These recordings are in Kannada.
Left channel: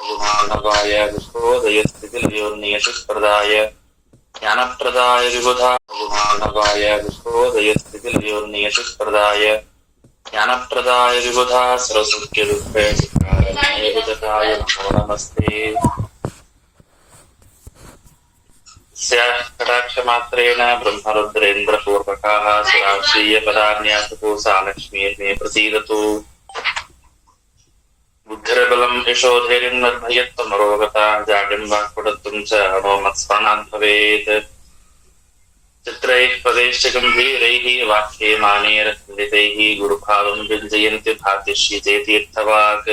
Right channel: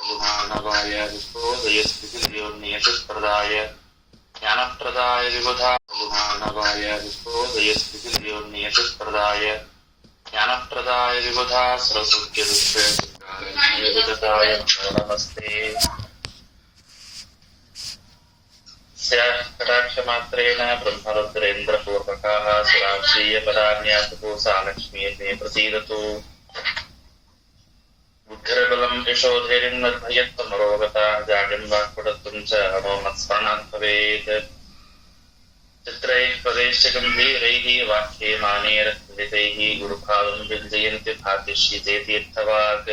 ಗುಣಾನಗಾಯ ವಿಶ್ವೋದಯ ಸ್ಥಿತಿಲಯೋರ್ನಿಯತಿಸ್ಪರ್ಧಾಯ ಜ್ಞಾನಪ್ರದಾಯ ವಿಬುಧಾ ಗುಣಾನಗಾಯ ವಿಶ್ವೋದಯ ಸ್ಥಿತಿಲಯೋರ್ನಿಯತಿಸ್ಪರ್ಧಾಯ ಜ್ಞಾನಪ್ರದಾಯ ವಿಬುಧಾ ಸರಸ್ವತ್ಯದುಃಖಾಯ ನಮೋ ನಮಸ್ತೆ. ಕಟಾಕ್ಷಮಾತ್ರೇಣ ಬ್ರಹ್ಮರುದ್ರೇಂದ್ರಪೂರ್ವಕಾಃ ಸುರಾಶ್ರೀಯಪದಾನ್ಯಾಸತೋ ಸಾ ಲಕ್ಷ್ಮೀ ಮೇ ಪ್ರಸೀದತು. ಬುದ್ಧಿರ್ಬಲಂ ಯಶೋಧೈರ್ಯಂ ನಿರ್ಭಯತ್ವಮರೋಗತಾ ಜಾಡ್ಯಂ ವಾಕ್ಪಟುತ್ವಂ ಚ ನೋ ಮತ್ಸ್ಮರಣಾತ್ ಭವೇತ್. ಚಿತ್ರೈಃ ಪದೈಶ್ಚ ಗಂಭೀರೈಃ ವಾಕ್ಯೇ ಮಾನೇರಖಂಡಿತೈಃ ಗುರುಭಾವಂ ವ್ಯಂಜಯಂತಿ ಭಾತಿ ಶ್ರೀಜಯತೀರ್ಥವಾಕ್.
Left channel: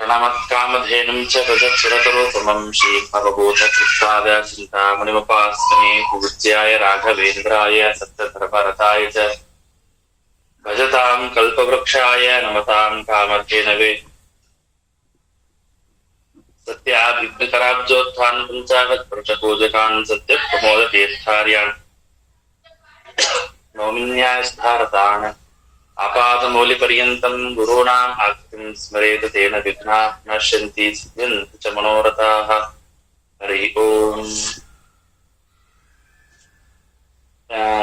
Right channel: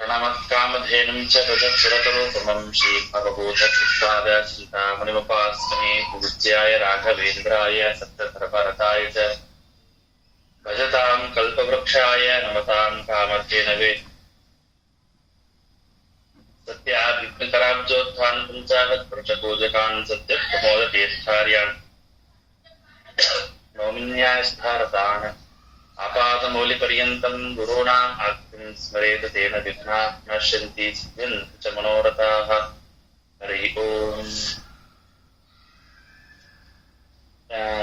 ಪ್ರಣಮತ್ಕಾಮಧೇನುಂ ಚ ತಜತ್ಸುರತರೋಪಮಂ ಶ್ರೀಭವಭೂತಕೃತ್ಪಾದ ಚಿಂತಾಮಣಿಮಪಾಸ್ಮಹೇ. ಪೂಜ್ಯಾಯ ರಾಘವೇಂದ್ರಾಯ ಸತ್ಯಧರ್ಮರತಾಯ ಚ ಭಜತಾಂ ಕಲ್ಪವೃಕ್ಷಾಯ ನಮತಾಂ ಕಾಮಧೇನವೇ. ಸತ್ಯಾಭಿಘ್ನಕರಾಬ್ಜೋತ್ಥಾನ್ ಪಂಚಾಶತ್ಪುರುಷಪೂಜಕಾನ್ ಸತ್ಯಪ್ರಮೋದತೀರ್ಥಾರ್ಯಾನ್ ನೌಮಿನ್ಯಾಯಸ್ಧಾರತಾನ್ ಆಪಾದಮೌಲಿಪರ್ಯಂತಂ ಗುರುಣಾಂ ಆಜ್ಞಾಂ ಸ್ಮರೇತ್ ತೇನ ವಿಘ್ನಾಃ ನಶ್ಯಂತಿ ಸಿದ್ಧ್ಯಂತಿ ಚ ಮನೋರಥಾಃ. ಹರಿ ಓಂ.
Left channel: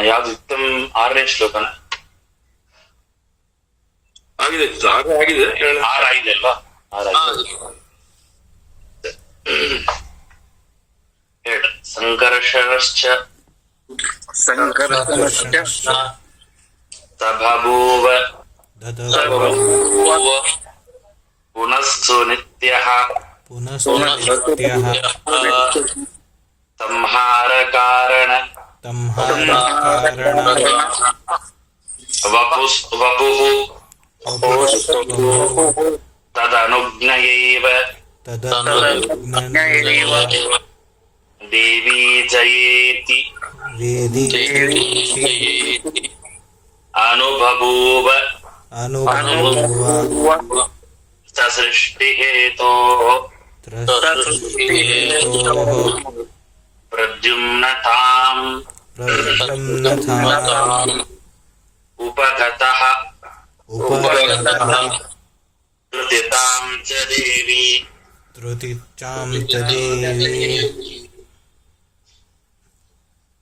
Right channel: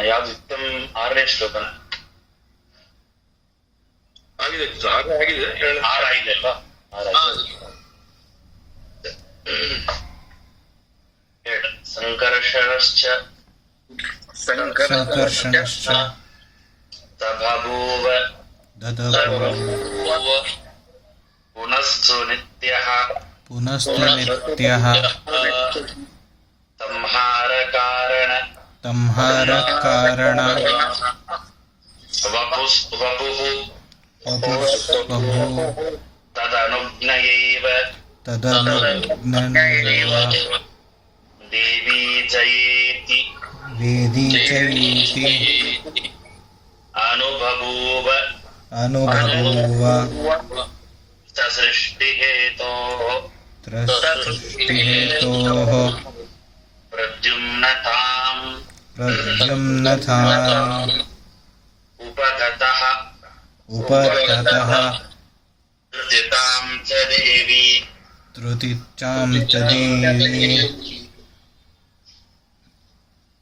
ಯಾವ್ದು ಉತ್ತಮ 6ನೇ ಶ್ಲೋಕನ ಆಗಿದೆ ಆಗಿದೆ ಆಗಿದೆ ಅಲ್ವಾ? ಸಂಕರ್ಷಶ್ಚ ತಬಭೂವ ಪುನಸ್ತು ನಿತ್ಯಃ ಸಂಹಾರ ಕಾರಣ ವಪುಃ ತದನುಜ್ಞಯೈವ ದೇವಿ ಜಯೇತಿ ಅನುಬಭೂವ ಸೃಷ್ಟಿಹೇತೋಃ ಪ್ರದ್ಯುಮ್ನತಾಂ ಉಪಗತಃ ಧೃತಿತಾಂ ಚ ದೇವಿ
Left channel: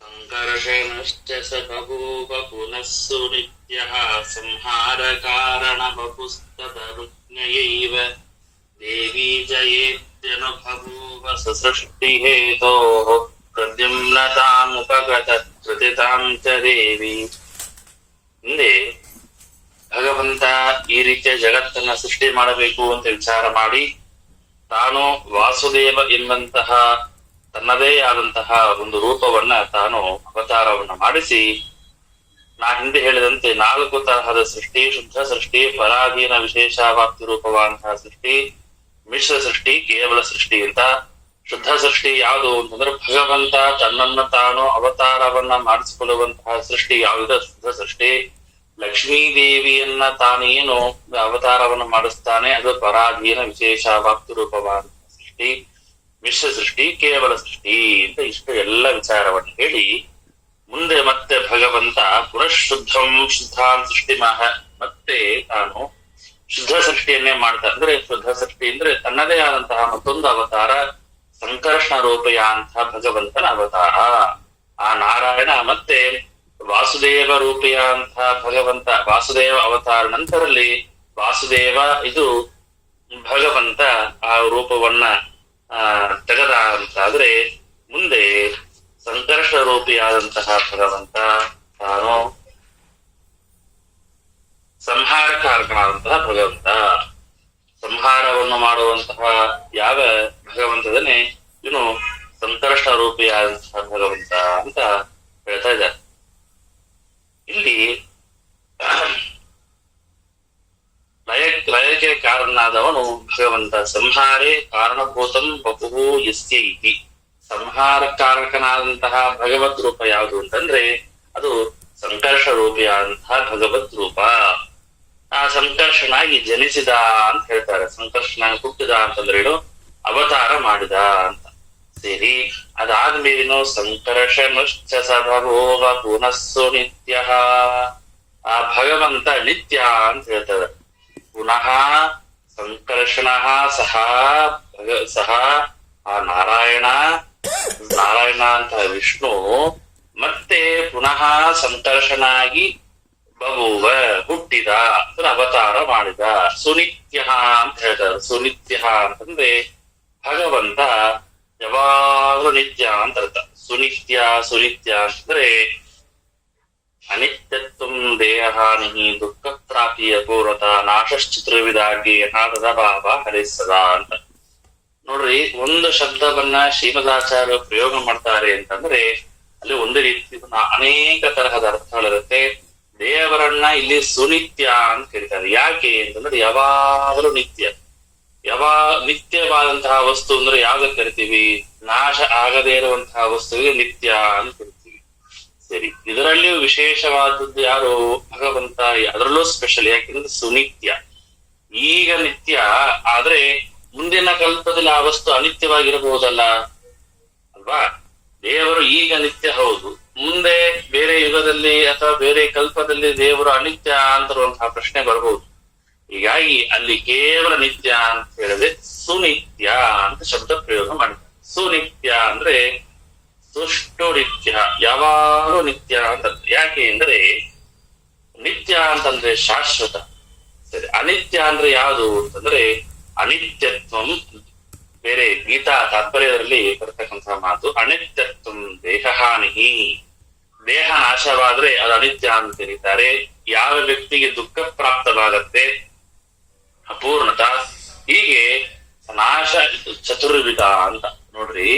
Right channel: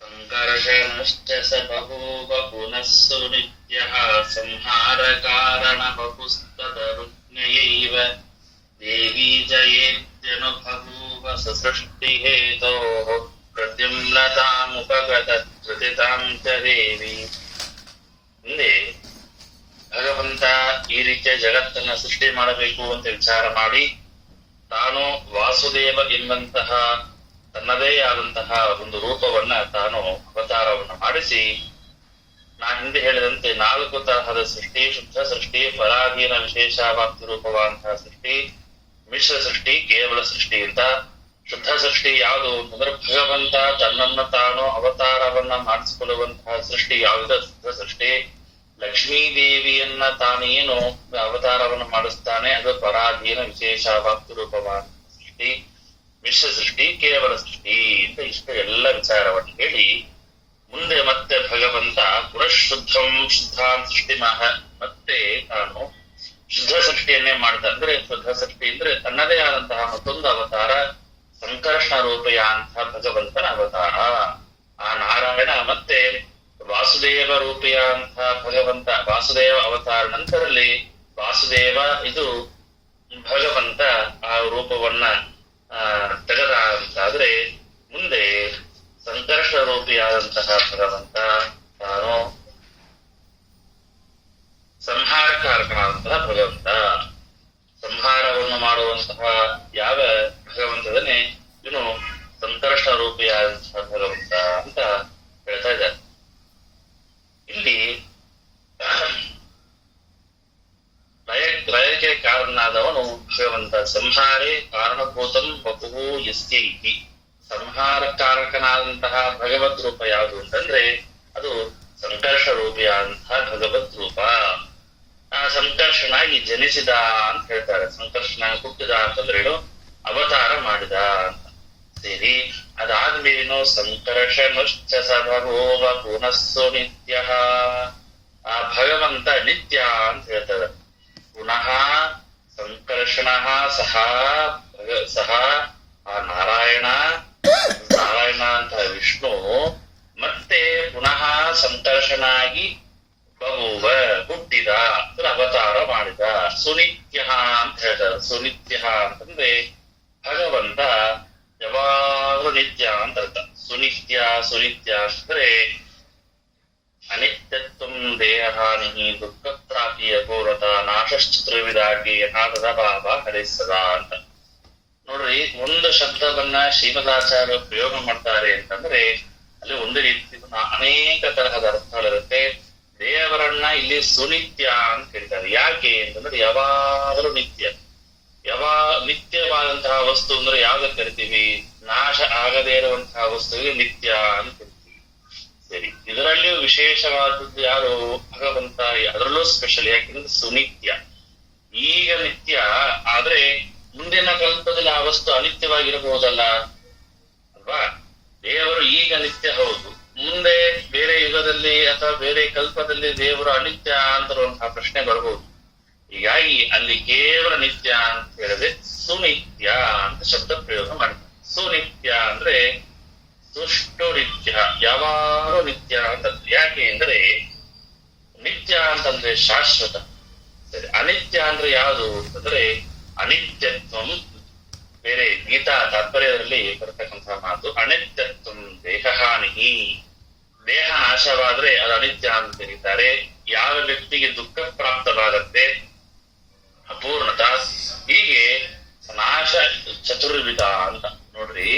ಸಂಕರ್ಷಣಶ್ಚ ಸ ಬಭೂವ ಪುನಸ್ಸು ನಿತ್ಯಃ ಸಂಹಾರ ಕಾರಣ ವಪುಸ್ತದನುಜ್ಞಯೈವ ದೇವಿ ಜಯೇತ್ಯನುಬಭೂವ ಸೃಷ್ಟಿಹೇತೋಃ ಪ್ರದ್ಯುಮ್ನತಾಮುಪಗತಃ ಧೃತಿತಾಂ ಚ ದೇವಿ. ಹಿಂದೆ ಭಗವಂತ ಈ ರೀತಿಯ ಜಗತ್ತನ್ನ ಸೃಷ್ಟಿ ಮಾಡಬೇಕು ಅಂತ ವಿಚಾರ ಮಾಡಿ ತಾನು ವಾಸುದೇವ ಎಂಬಂತಹ ತನ್ನದೇ ಆದಂತಹ ಒಂದು ರೂಪವನ್ನ ತಾನು ಅವತಾರವನ್ನ ಮಾಡಿಸಿ, ನಾ ಹಿಂದೆ ಹೇಳಿದಂತೆ 4 ತರಹದ ಸೃಷ್ಟಿ: ಶುದ್ಧ ಸೃಷ್ಟಿ, ಫಲಾಧೀನ ವಿಶೇಷಾವಾಪ್ತಿ ರೂಪವಾದಂತಹ ಸೃಷ್ಟಿ, ಮಿಶ್ರ ಸೃಷ್ಟಿ, ಕೇವಲ ಸೃಷ್ಟಿ ಅಂತ. ಶುದ್ಧ ಸೃಷ್ಟಿ ಯಾವುದು ಅಂತಂದ್ರೆ ಭಗವಂತ ತನ್ನನ್ನ ತಾನು ಅವತಾರವನ್ನ ಮಾಡಿಸಿಕೊಳ್ಳುವಂತಹ ಸೃಷ್ಟಿ ಯಾವುದ ಶುದ್ಧ ಸೃಷ್ಟಿ. ಲಕ್ಷ್ಮೀ ದೇವಿಯನ್ನ ತಾನೇನು ಅವತಾರವನ್ನು ಮಾಡಿಸ್ತಾನೆ, ಅದು ಪರಾಧೀನ ವಿಶೇಷಾವಾಪ್ತಿ ರೂಪವಾದ ಸೃಷ್ಟಿ. ಮಿಶ್ರ ಸೃಷ್ಟಿ, ಕೇವಲ ಸೃಷ್ಟಿ ಅಂತ ಇಷ್ಟು ಎಲ್ಲ ವಿಚಾರವನ್ನು ಹೇಳಿ ಮುಂದೆ ಮತ್ತೆ ಭಗವಂತ ಪುನಃಶುದ್ಧಂ ಶುದ್ಧಾಂ ಸೃಷ್ಟಿ ಮತ್ತೆ ತಾನು ಶುದ್ಧ ಸೃಷ್ಟಿಯನ್ನೇ ಮಾಡ್ತಾ. ಅಂದ್ರೆ ಶುದ್ಧ ಸೃಷ್ಟಿ ಅಂದ್ರೆ ತನ್ನದೇ ಆದಂತಹ ಮತ್ತೊಂದು ಅವತಾರ, ಸಂಕರ್ಷಣ ರೂಪಯ ಅಂತ ಭಗವಂತನ ಅವತಾರ. ಆ ನಾರಾಯಣ ಮತ್ತೆ ವಾಸುದೇವ ರೂಪಿಯ ಅಂತ ಭಗವಂತ, ವಾಸುದೇವ ಅವತಾರ ನಂತರಲ್ಲಿ ವಾಸುದೇವ ಇದು ಭಗವಂತ ಆ ರೂಪವನ್ನ ತೆಗೆದ ಅಂತಾದ್ರೆ, ಮುಂದೆ ಸಂಕರ್ಷ ರೂಪಿಯಾದಂತಹ ಭಗವಂತ ತಾನು ಸಂಹಾರಕಾರಕನಾದಂತಹ ಭಗವಂತ, ಸಂಹಾರವನ್ನು ಮಾಡುವಂತಹ ಯಾವ ಭಗವಂತದನ್ನೇ ಇವನು ಸಂಕರ್ಷ ರೂಪಿಯಾದಂತಹ ಭಗವಂತ ಅಂತ ಹೇಳ್ತಾ ಇದ್ದಾರೆ. ಇಲ್ಲಿ ಲಯಕ್ಕೆ ಕಾರಣನಾದವನು ಭಗವಂತ. ಸಂಹಾರೇ ಕಾರಣಭೂತಂ ವಪುಃ ಯಸ್ಯ ಇತಿ. ಸಂಹಾರ ಕಾರಕನಾದಂತಹ ಭಗವತ್ ರೂಪ ಯಾವುದು ಅಂತಂದ್ರೆ ಅದು ಸಂಕರ್ಷ ರೂಪಿಯಾದಂತಹ ಭಗವತ್ ರೂಪ. ಆ ಸಂಕರ್ಷನಾಗಿ ಜನಿಸಿದ ಅಂತ ಹೇಳ್ತಾರೆ. ಸಂಕರ್ಷನಾಗಿ ಹುಟ್ಟಿದ ಅಂತಂದ್ರೆ ಏನು? ಅವತಾರ ಮಾಡಿದ ಅಂತ. ಸೇರಿ ಅದಾದ್ಮೇಲೇನು ಸಂಕರ್ಷಣಶ್ಚ ಸಭವೋವ ಪುನಸ್ಸು ನಿತ್ಯಃ. ಆ ಭಗವಂತ ನಿತ್ಯ ಅಂತ ಹೇಳ್ತಾರೆ. ಪುನಃ ಸಂಕರ್ಷಣ ಸಹ ಸಹ ಆ ನಾರಾಯಣ ಅಂತ ವಿಷ್ಣು ಮತ್ತೆ ಪುನಃ ಸಂಕರ್ಷನಾಗಿ ಬಗುವ ಹುಟ್ಟಿದ ಅಂದ್ರೆ ಅವತಾರ ಮಾಡಿದ. ಸುನಿತ್ಯ ಅಂತ ಹೇಳ್ತಾರೆ. ಸುನಿತ್ಯ ಅಂತಂದ್ರೆ ಭಗವಂತ ಯಾವಾಗಲೂ ನಿತ್ಯ ಅಂತ ಅರ್ಥ. ಸುನಿತ್ಯ ಅಂತಂದ್ರೆ ಅನಿತ್ಯತ್ವ ದೇಹಾನಿ ದುಃಖ ಪ್ರಾಪ್ತಿಯ ಪೂರ್ವತ ನಾಶಶ್ಚತುರ್ವಿಧಾಗಿ ನಾದದ ಭಾವ ಹರಿಸದ ಅಂತ. ನೋಡ್ರಿ, ಒಂದು ಶಬ್ದವನ್ನ ಶ್ರೀಮದಾಚಾರ್ಯ ಪ್ರಯೋಗ ಮಾಡ್ತಾರೆ ಅಂತಂದ್ರೆ ಅಲ್ಲಿ ಒಂದು ರೀತಿ ಅನೇಕ ತರಹದ ಅರ್ಥಗಳಿರುತ್ತೆ. ದೇವರನ್ನ ಇಲ್ಲಿ ಸುನಿತ್ಯ ಅಂತ ಹೇಳ್ತಾರೆ. ಯಾಕೆ ಅಂತಂದ್ರೆ ಯಾವಾಗಲೂ ನಿತ್ಯ. ನಿತ್ಯವಾದಂತಹ ವಸ್ತು ಅಂದ್ರೆ ಯಾವ್ದಕ್ಕೆ ಕರಿತೀವಿ? ನಾಶ ಆಗದೇ ಇರುವಂತಹ ವಸ್ತುವಿಗೆ ನಿತ್ಯ ಅಂತ ಕರಿತೀವಿ. ಸರಿ, ಇದರಲ್ಲಿಯೂ ವಿಶೇಷವಾದದ್ದು ಯಾರು? ಭಗವಂತ. ಅದರಲ್ಲೂ ಸ್ಪೆಷಲ್. ಯಾಕೆಂದ್ರೆ ಸುನಿತ್ಯ. ಈಗ ನಿತ್ಯ ಆದ್ರೆ ಮುಂದಿನ ಕಲ್ಪದಲ್ಲಿ ಆ ವಸ್ತು ಅನಿತ್ಯವಾಗಿರಬಹುದಲ್ಲ ಅಲ್ವಾ? ದೇವರು ಈಗ ನಿತ್ಯ ಹೌದು, ಮುಂದೆ ಬೇರೆ ಯುಗದಲ್ಲಿ ಅಥವಾ ಬೇರೆ ಕಲ್ಪದಲ್ಲಿ ದೇವರು ಅನಿತ್ಯ ಅಂತಿರುವಂತಹ ಪ್ರಶ್ನೆ ಬರಬಹುದು. ಹೀಗಾಗಿ ಅಲ್ಲಿ ಕೇವಲ ನಿತ್ಯ ಅಂತ ಹೇಳಿದ್ರೆ ಸುನಿತ್ಯ ಅಂತ ಶಬ್ದ ಪ್ರಯೋಗ ಮಾಡಿ. ಸುನಿತ್ಯ ಅಂದ್ರೆ ಸುಷ್ಟು ನಿತ್ಯ, ಯಾವಾಗಲೂ ನಿತ್ಯ ಅಂತ. ಯಾಕೆ ಅಂದ್ರೆ ನಿತ್ಯ ಅಂತಂದ್ರೆ ಶಾಶ್ವತ. ಸರಿ, ಅನಿತ್ಯ ಅಂದ್ರೆ ಯಾವುದು ಅಂತಂದ್ರೆ ಅನಿತ್ಯತ್ವಂ. ಬೇರೆ ಗೀತಾ ತಾತ್ಪರ್ಯದಲ್ಲಿ ಬರ್ತಕ್ಕಂತಹ ಮಾತು ಅನಿತ್ಯತ್ವಂ ದೇಹಹಾನಿ. ದೇಹ ನಾಶವಾದ್ರೆ ಅದು ಅನಿತ್ಯ ಅಂತ ಕರೀತಾರೆ. ಯಾವ ವ್ಯಕ್ತಿಗೆ ದುಃಖ ಪ್ರಾಪ್ತವಾಗತ್ತೆ, ಅಪೂರ್ಣತ, ಹೀಗೆ ನಾಶ ಚತುರ್ವಿಧ ಅಂತ. ನೋಡ್ರಿ,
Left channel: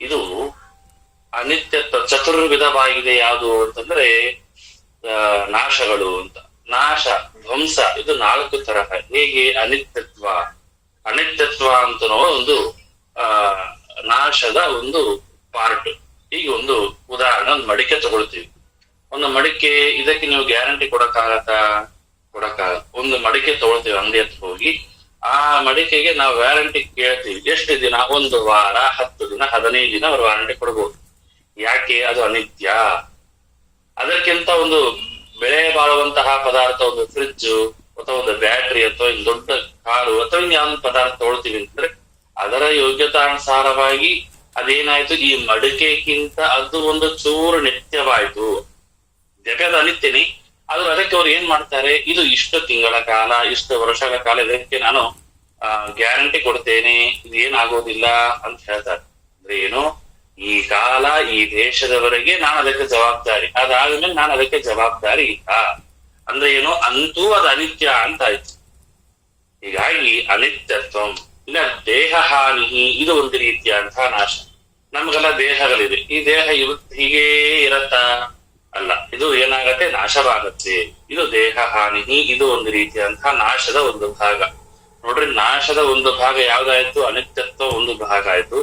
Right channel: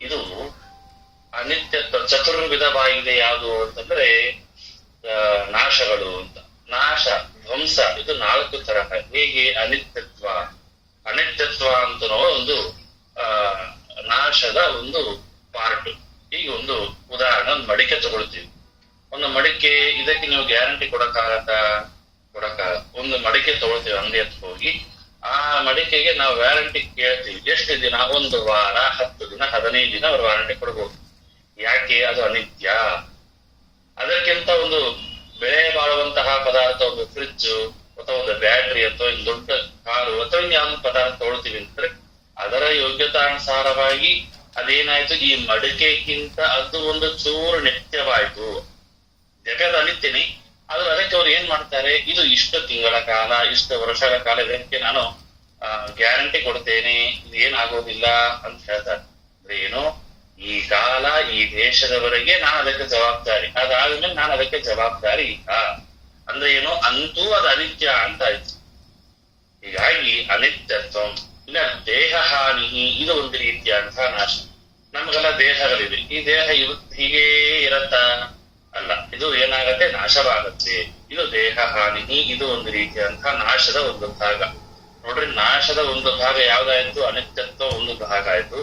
ಇದು ಅನಿತ್ಯತ್ವ ಚತುರ್ವಿಧವಾಗಿದೆ. ಯಾವುದು ಅಂತಂದ್ರೆ ನಾಶಗಳು ಅಂತ. ನಾಶ, ಧ್ವಂಸ, ಇದು 4 ತರಹ. ಹೇಗೆ? ಅನಿತ್ಯತ್ವ ಅಂತ ಒಂದು ನಾಶದ ಒಂದು ಪಾರ್ಟ್. ಈಗ ಒಂದು ಉದಾಹರಣೆ, ಒಂದು ಮಡಿಕೆ ತಗೊಳ್ತೀವಿ. ಒಂದು ಮಡಿಕೆ, ಇದಕ್ಕೆ ನೀವು ಗ್ಯಾರಂಟಿ ಕೊಡಕ್ಕಾಗತ್ತಾ? ಒಂದು ಮಡಿಕೆ ತಗೊಳ್ತೀವಿ ಅಂಗಡಿ ಹತ್ರ ಹೋಗಿ. ಆ ಮಡಿಕೆಗೆ ನಾವು ವ್ಯಾರಂಟಿ ಕೇಳ್ತೀವಿ. ಎಷ್ಟು ದಿನ? 1 ವಾರ, 10 ದಿನ, 15 ದಿನ ಅವ್ರು ವ್ಯಾರಂಟಿ ಕೊಡ್ಬೋದು. ಯಾಕೆ? ಅದು ಅನಿತ್ಯ. ಅದಕ್ಕಿಂತ ಒಂದು ಬೆಳೆ ಬಾಳುವಂತಹ ಪದಾರ್ಥ, ಒಂದು ಫ್ರಿಡ್ಜ್ ಅಥವಾ ಒಂದು ಬ್ಯಾಟ್ರಿ ಅಥವಾ ಒಂದು ದೊಡ್ಡ ಕಾರು ಅಥವಾ ಇನ್ಯಾವ ಪದಾರ್ಥ ತಗೊಳ್ತೀವಿ ಅಂತಂದ್ರೆ ಅದರ ಯೋಗ್ಯತಾನುಸಾರವಾಗಿ ಅದೇನಾಯ್ತು, ಈ ಮಡಿಕೆಗಿಂತ ಅದು ಒಂದು ಚೂರು ನಿತ್ಯವಾಯ್ತು. ಜಗದ ಅನಿತ್ಯನಿ. ಆದ್ರೆ ಅದಕ್ಕೆ ಅವ್ರು ಏನ್ ಮಾಡ್ತಾರೆ, ಇದು ಇಷ್ಟು ತಿಂಗಳ ಕಾಲ, ಇಷ್ಟು ವರ್ಷಗಳ ಕಾಲ ಇದಕ್ಕೆ ನಾನು ಗ್ಯಾರಂಟಿ ಕೊಡ್ತೇನೆ, ಇದು ಏನಾಗೋದಿಲ್ಲ ಅಂತ ಹೇಳ್ತಾರೆ. ಅಂದ್ರೆ ಏನು? ಈ ಕಾಲ, ಈ ದೇಶದವರೆಗೆ ನಾನು ಅದಕ್ಕೆ ಜವಾಬ್ದಾರಿ, ಅದಾದ್ಮೇಲೆ ನಾನು ಅದಕ್ಕೆ ಜವಾಬ್ದಾರಿ ಇಲ್ಲ ಅಂದ್ರೆ ಏನು? ಅಂತೂ ಅದು ಅನಿತ್ಯ ಅಂತ ಆಯ್ತು. ಹೀಗಾಗಿ ಅನಿತ್ಯತ್ವ. ಇಲ್ಲ ದೇಹ ಹಾನಿ, ಇದು ಒಂದು ರೀತಿಯಂತಹ ನಾಶ. ನಮ್ಗೆಲ್ಲ ದೇಹಗಳಿದೆ. ಈ ದೇಹ ಇವತ್ತು ಹೀಗೇ ಇರತ್ತಾ? ಅಲ್ಲ, ಇದು ಏನಾಗತ್ತೆ? ನಾಶವಾಗತ್ತೆ. ಇದು ದೇಹ ಹಾನಿ. ಇದು ಒಂದು ರೀತಿಯಂತಹ ನಾಶದ ಒಂದು ಭಾಗ. ನೋಡ್ರಿ, ನಾಶದ ಒಂದು ಭಾಗ ಯಾವ್ದಾಯ್ತು? ಅನಿತ್ಯತ್ವ ಒಂದು ಭಾಗ ಆಯ್ತು.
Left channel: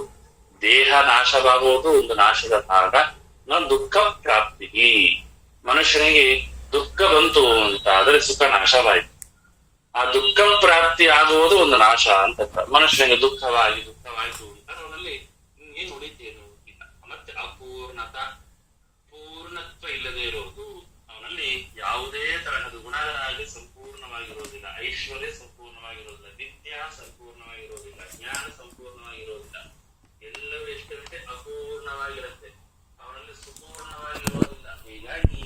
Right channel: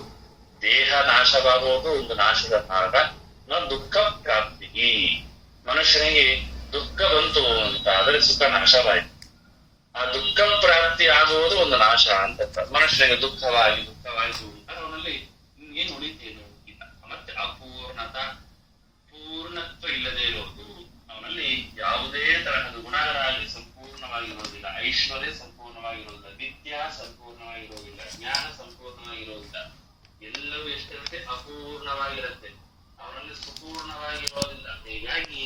ದೇಹ ನಾಶವಾಗುವುದು ಒಂದು ನಾಶದ ಭಾಗ. ದುಃಖ ಪ್ರಾಪ್ತಿ. ಮನುಷ್ಯನಿಗೆ ದುಃಖ ಬಂತು ಅಂತ ಆದ್ರೆ ಸುಖ ನಾಶವಾಯಿತು. ಆ ದುಃಖ ಪ್ರಾಪ್ತಿ ಆಗುವುದು ಒಂದು ನಾಶ ಅಂತ. ಮನುಷ್ಯನಿಗೆ ದುಃಖವಾಯಿತು ಅಂತ ಅವನಲ್ಲಿ ಏನ್ ಉಳಿತೇನು ಇಲ್ಲ. ಮತ್ತೆ ಪೂರ್ಣತ್ವ ಇಲ್ಲದೆ ಇರೋದು. ಅವನಲ್ಲಿ ಯಾವುದೇ ತರಹದ ಗುಣಗಳಾಗಿ ಸಂಪೂರ್ಣವಾಗಿರೋದಿಲ್ಲ. ಐಶ್ವರ್ಯ ಸಂಪೂರ್ಣವಾಗಿರೋದಿಲ್ಲ. ವಿದ್ಯಾ ಸಂಪೂರ್ಣವಾಗಿರೋದಿಲ್ಲ. ಜ್ಞಾನ ಸಂಪೂರ್ಣವಾಗಿರೋದಿಲ್ಲ. ಎಲ್ಲವೂ ಎಷ್ಟಿರುತ್ತೆ? ಅಪೂರ್ಣವಾಗಿರುತ್ತೆ. ಅವರಲ್ಲಿ ಸಂಪೂರ್ಣವಾಗಿರೋದಿಲ್ಲ. ಹೀಗಾಗಿ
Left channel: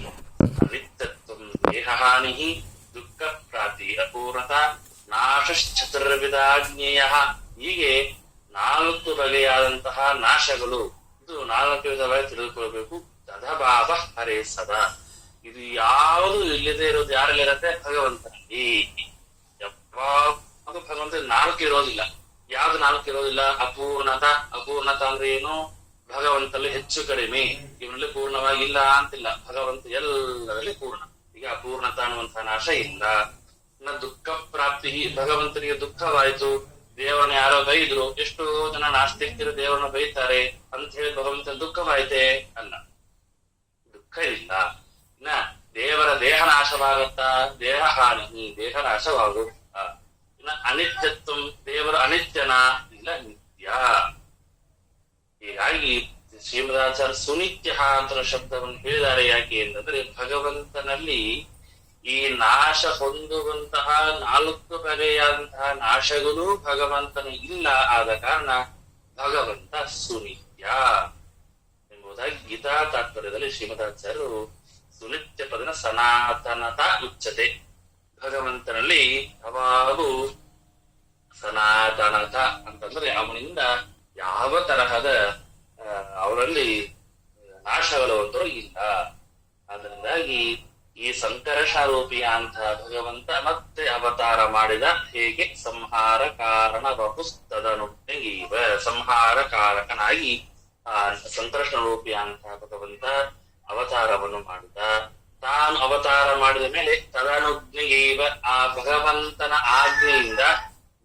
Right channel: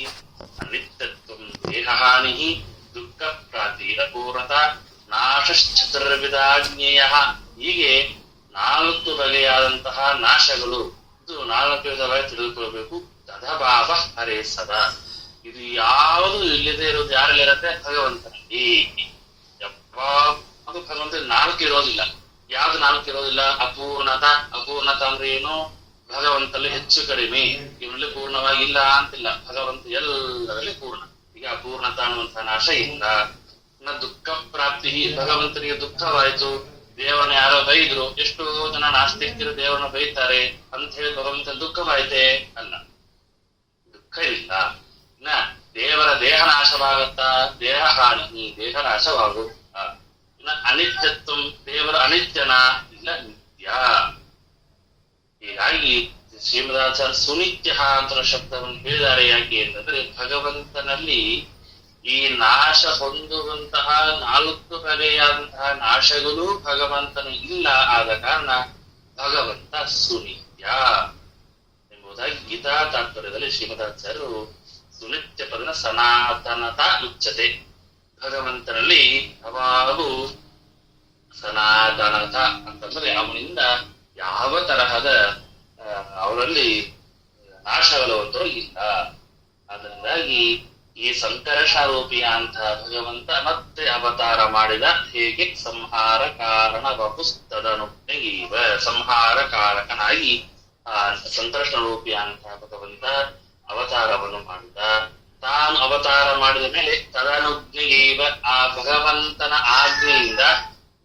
ಅನಿತ್ಯತ್ವ ದೇಹಹಾನಿ ದುಃಖ ಪ್ರಾಪ್ತಿ ಅಪೂರ್ಣತ ನಾಶಶ್ಚತುರ್ವಿಧಾಜ್ಞೇಯ. ಹೀಗೆ 4 ಬಗೆಯಾದಂತಹ ನಾಶಗಳು. ಇದು 4 ವಿಧವಾಗಿ ತಿಳಿದುಕೊಳ್ಬೇಕು. ತದಭಾವ ಹರೇ ಸದಾ. ಇದು ಯಾವುದು ಇಲ್ಲದೆ ಇರೋದು ಯಾರಲ್ಲಿರತ್ತೆ? ಭಗವಂತನಲ್ಲಿ. ಯಾವುದು ಭಗವಂತ 4 ಇರೋದಿಲ್ಲ. ಯಾವ್ದು 4 ಇರೋದಿಲ್ಲ? ಅಪೂರ್ಣತ ಅಂದ್ರೆ ಏನು? ಭಗವಂತಲ್ಲಿ ಹೆಚ್ಚು ಕಡಿಮೆ, ಇವನಲ್ಲಿ ಪೂರ್ಣವಾಗಿಲ್ಲ ಅಂತಿಲ್ಲ. ಭಗವಂತ ಎಲ್ಲದಲ್ಲಿ ಪೂರ್ಣ. ಈಗ ಅಪೂರ್ಣತ ಅನ್ನುವಂತಹ ನಾಶ ಇಲ್ಲ. ದುಃಖ ಪ್ರಾಪ್ತಿ, ಭಗವಂತನಿಗೆ ದುಃಖವಾಯ್ತು. ದೇವರನ್ನ ಯಾರೋ ಬೈದ್ರು. ಎಷ್ಟೋ ಜನ ನಾಸ್ತಿಕರು ದೇವರನ್ನ ಬೈತಾರೆ ಅಂತ ಹೇಳಿ ಭಗವಂತನ ದುಃಖವಾಯ್ತೆ? ಅಲ್ಲ, ದುಃಖ ಇಲ್ಲ. ದೇವರ ದೇಹ ನಾಶವಾಗತ್ತಾ? ದೇಹ ಹಾನಿ, ದೇಹ ನಾಶವಾಗು. ಅನಿತ್ಯತ್ವ, ದೇವರ ಅನಿತ್ಯನ? ಇಲ್ಲ, ನಿತ್ಯ. ಹೀಗಾಗಿ ಶ್ರೀಮದಾಚಾರ್ಯ ಸುನಿತ್ಯ ಅಂತ ಶಬ್ದವನ್ನು ಹೇಳಿದ್ದಾರೆ. ಯಾಕೆ ಅಂತಂದ್ರೆ ಭಗವಂತನಲ್ಲಿ ಈ ನಾಶ ಹೊಂದುವಂತಹ 4 ಬಗೆಯಾದಂತಹ ನಾಶಗಳು ಭಗವಂತನ ಇಲ್ಲ ಆದ ಕಾರಣ ಭಗವಂತ ಸುನಿತ್ಯ ಎಂಬುದಾಗಿ ಗೀತಾ ತಾತ್ಪರ್ಯದಲ್ಲಿ ಶ್ರೀಮದಾಚಾರ್ಯರು ಸುನಿತ್ಯ ಪದನ ಸನಾತನತ ಉಚ್ಚತೆ. ಭಗವಂತನಲ್ಲಿ ಯಾವಾಗೂ ಸನಾತನತ ಅಂತಂದ್ರೆ ಅವನಿಂದ ಯಾವ ತರಹದ ಅವರಲ್ಲಿ ನಾಶಗಳು ಇಲ್ಲ. ಅದರಿಂದಾಗಿ ಈ ಸಂಕರ್ಷಾರೂಪಿಯ ಅಂತ ಭಗವಂತ ಮತ್ತೆ ಅವತಾರ ಮಾಡಿದ. ಹೇಗೆ ಸಂಹಾರ ಕಾರಣ ವಪುಸ್ತದನುಜ್ಞೆಗೀವ, ಸಂಹಾರ ಕಾರಕನಾಗಿ ಆ ಸಂಕರ್ಷಣ ರೂಪಿಯ ಅಂತ ಭಗವಂತ ಅವತಾರವನ್ನು ಮಾಡಿದ. ತಾನು ಅವತಾರ ಮಾಡಿದ ಮೇಲೆ ತದನುಜ್ಞೆಗೀವ, ಆ ಭಗವಂತನ ಆಜ್ಞೆಯಿಂದ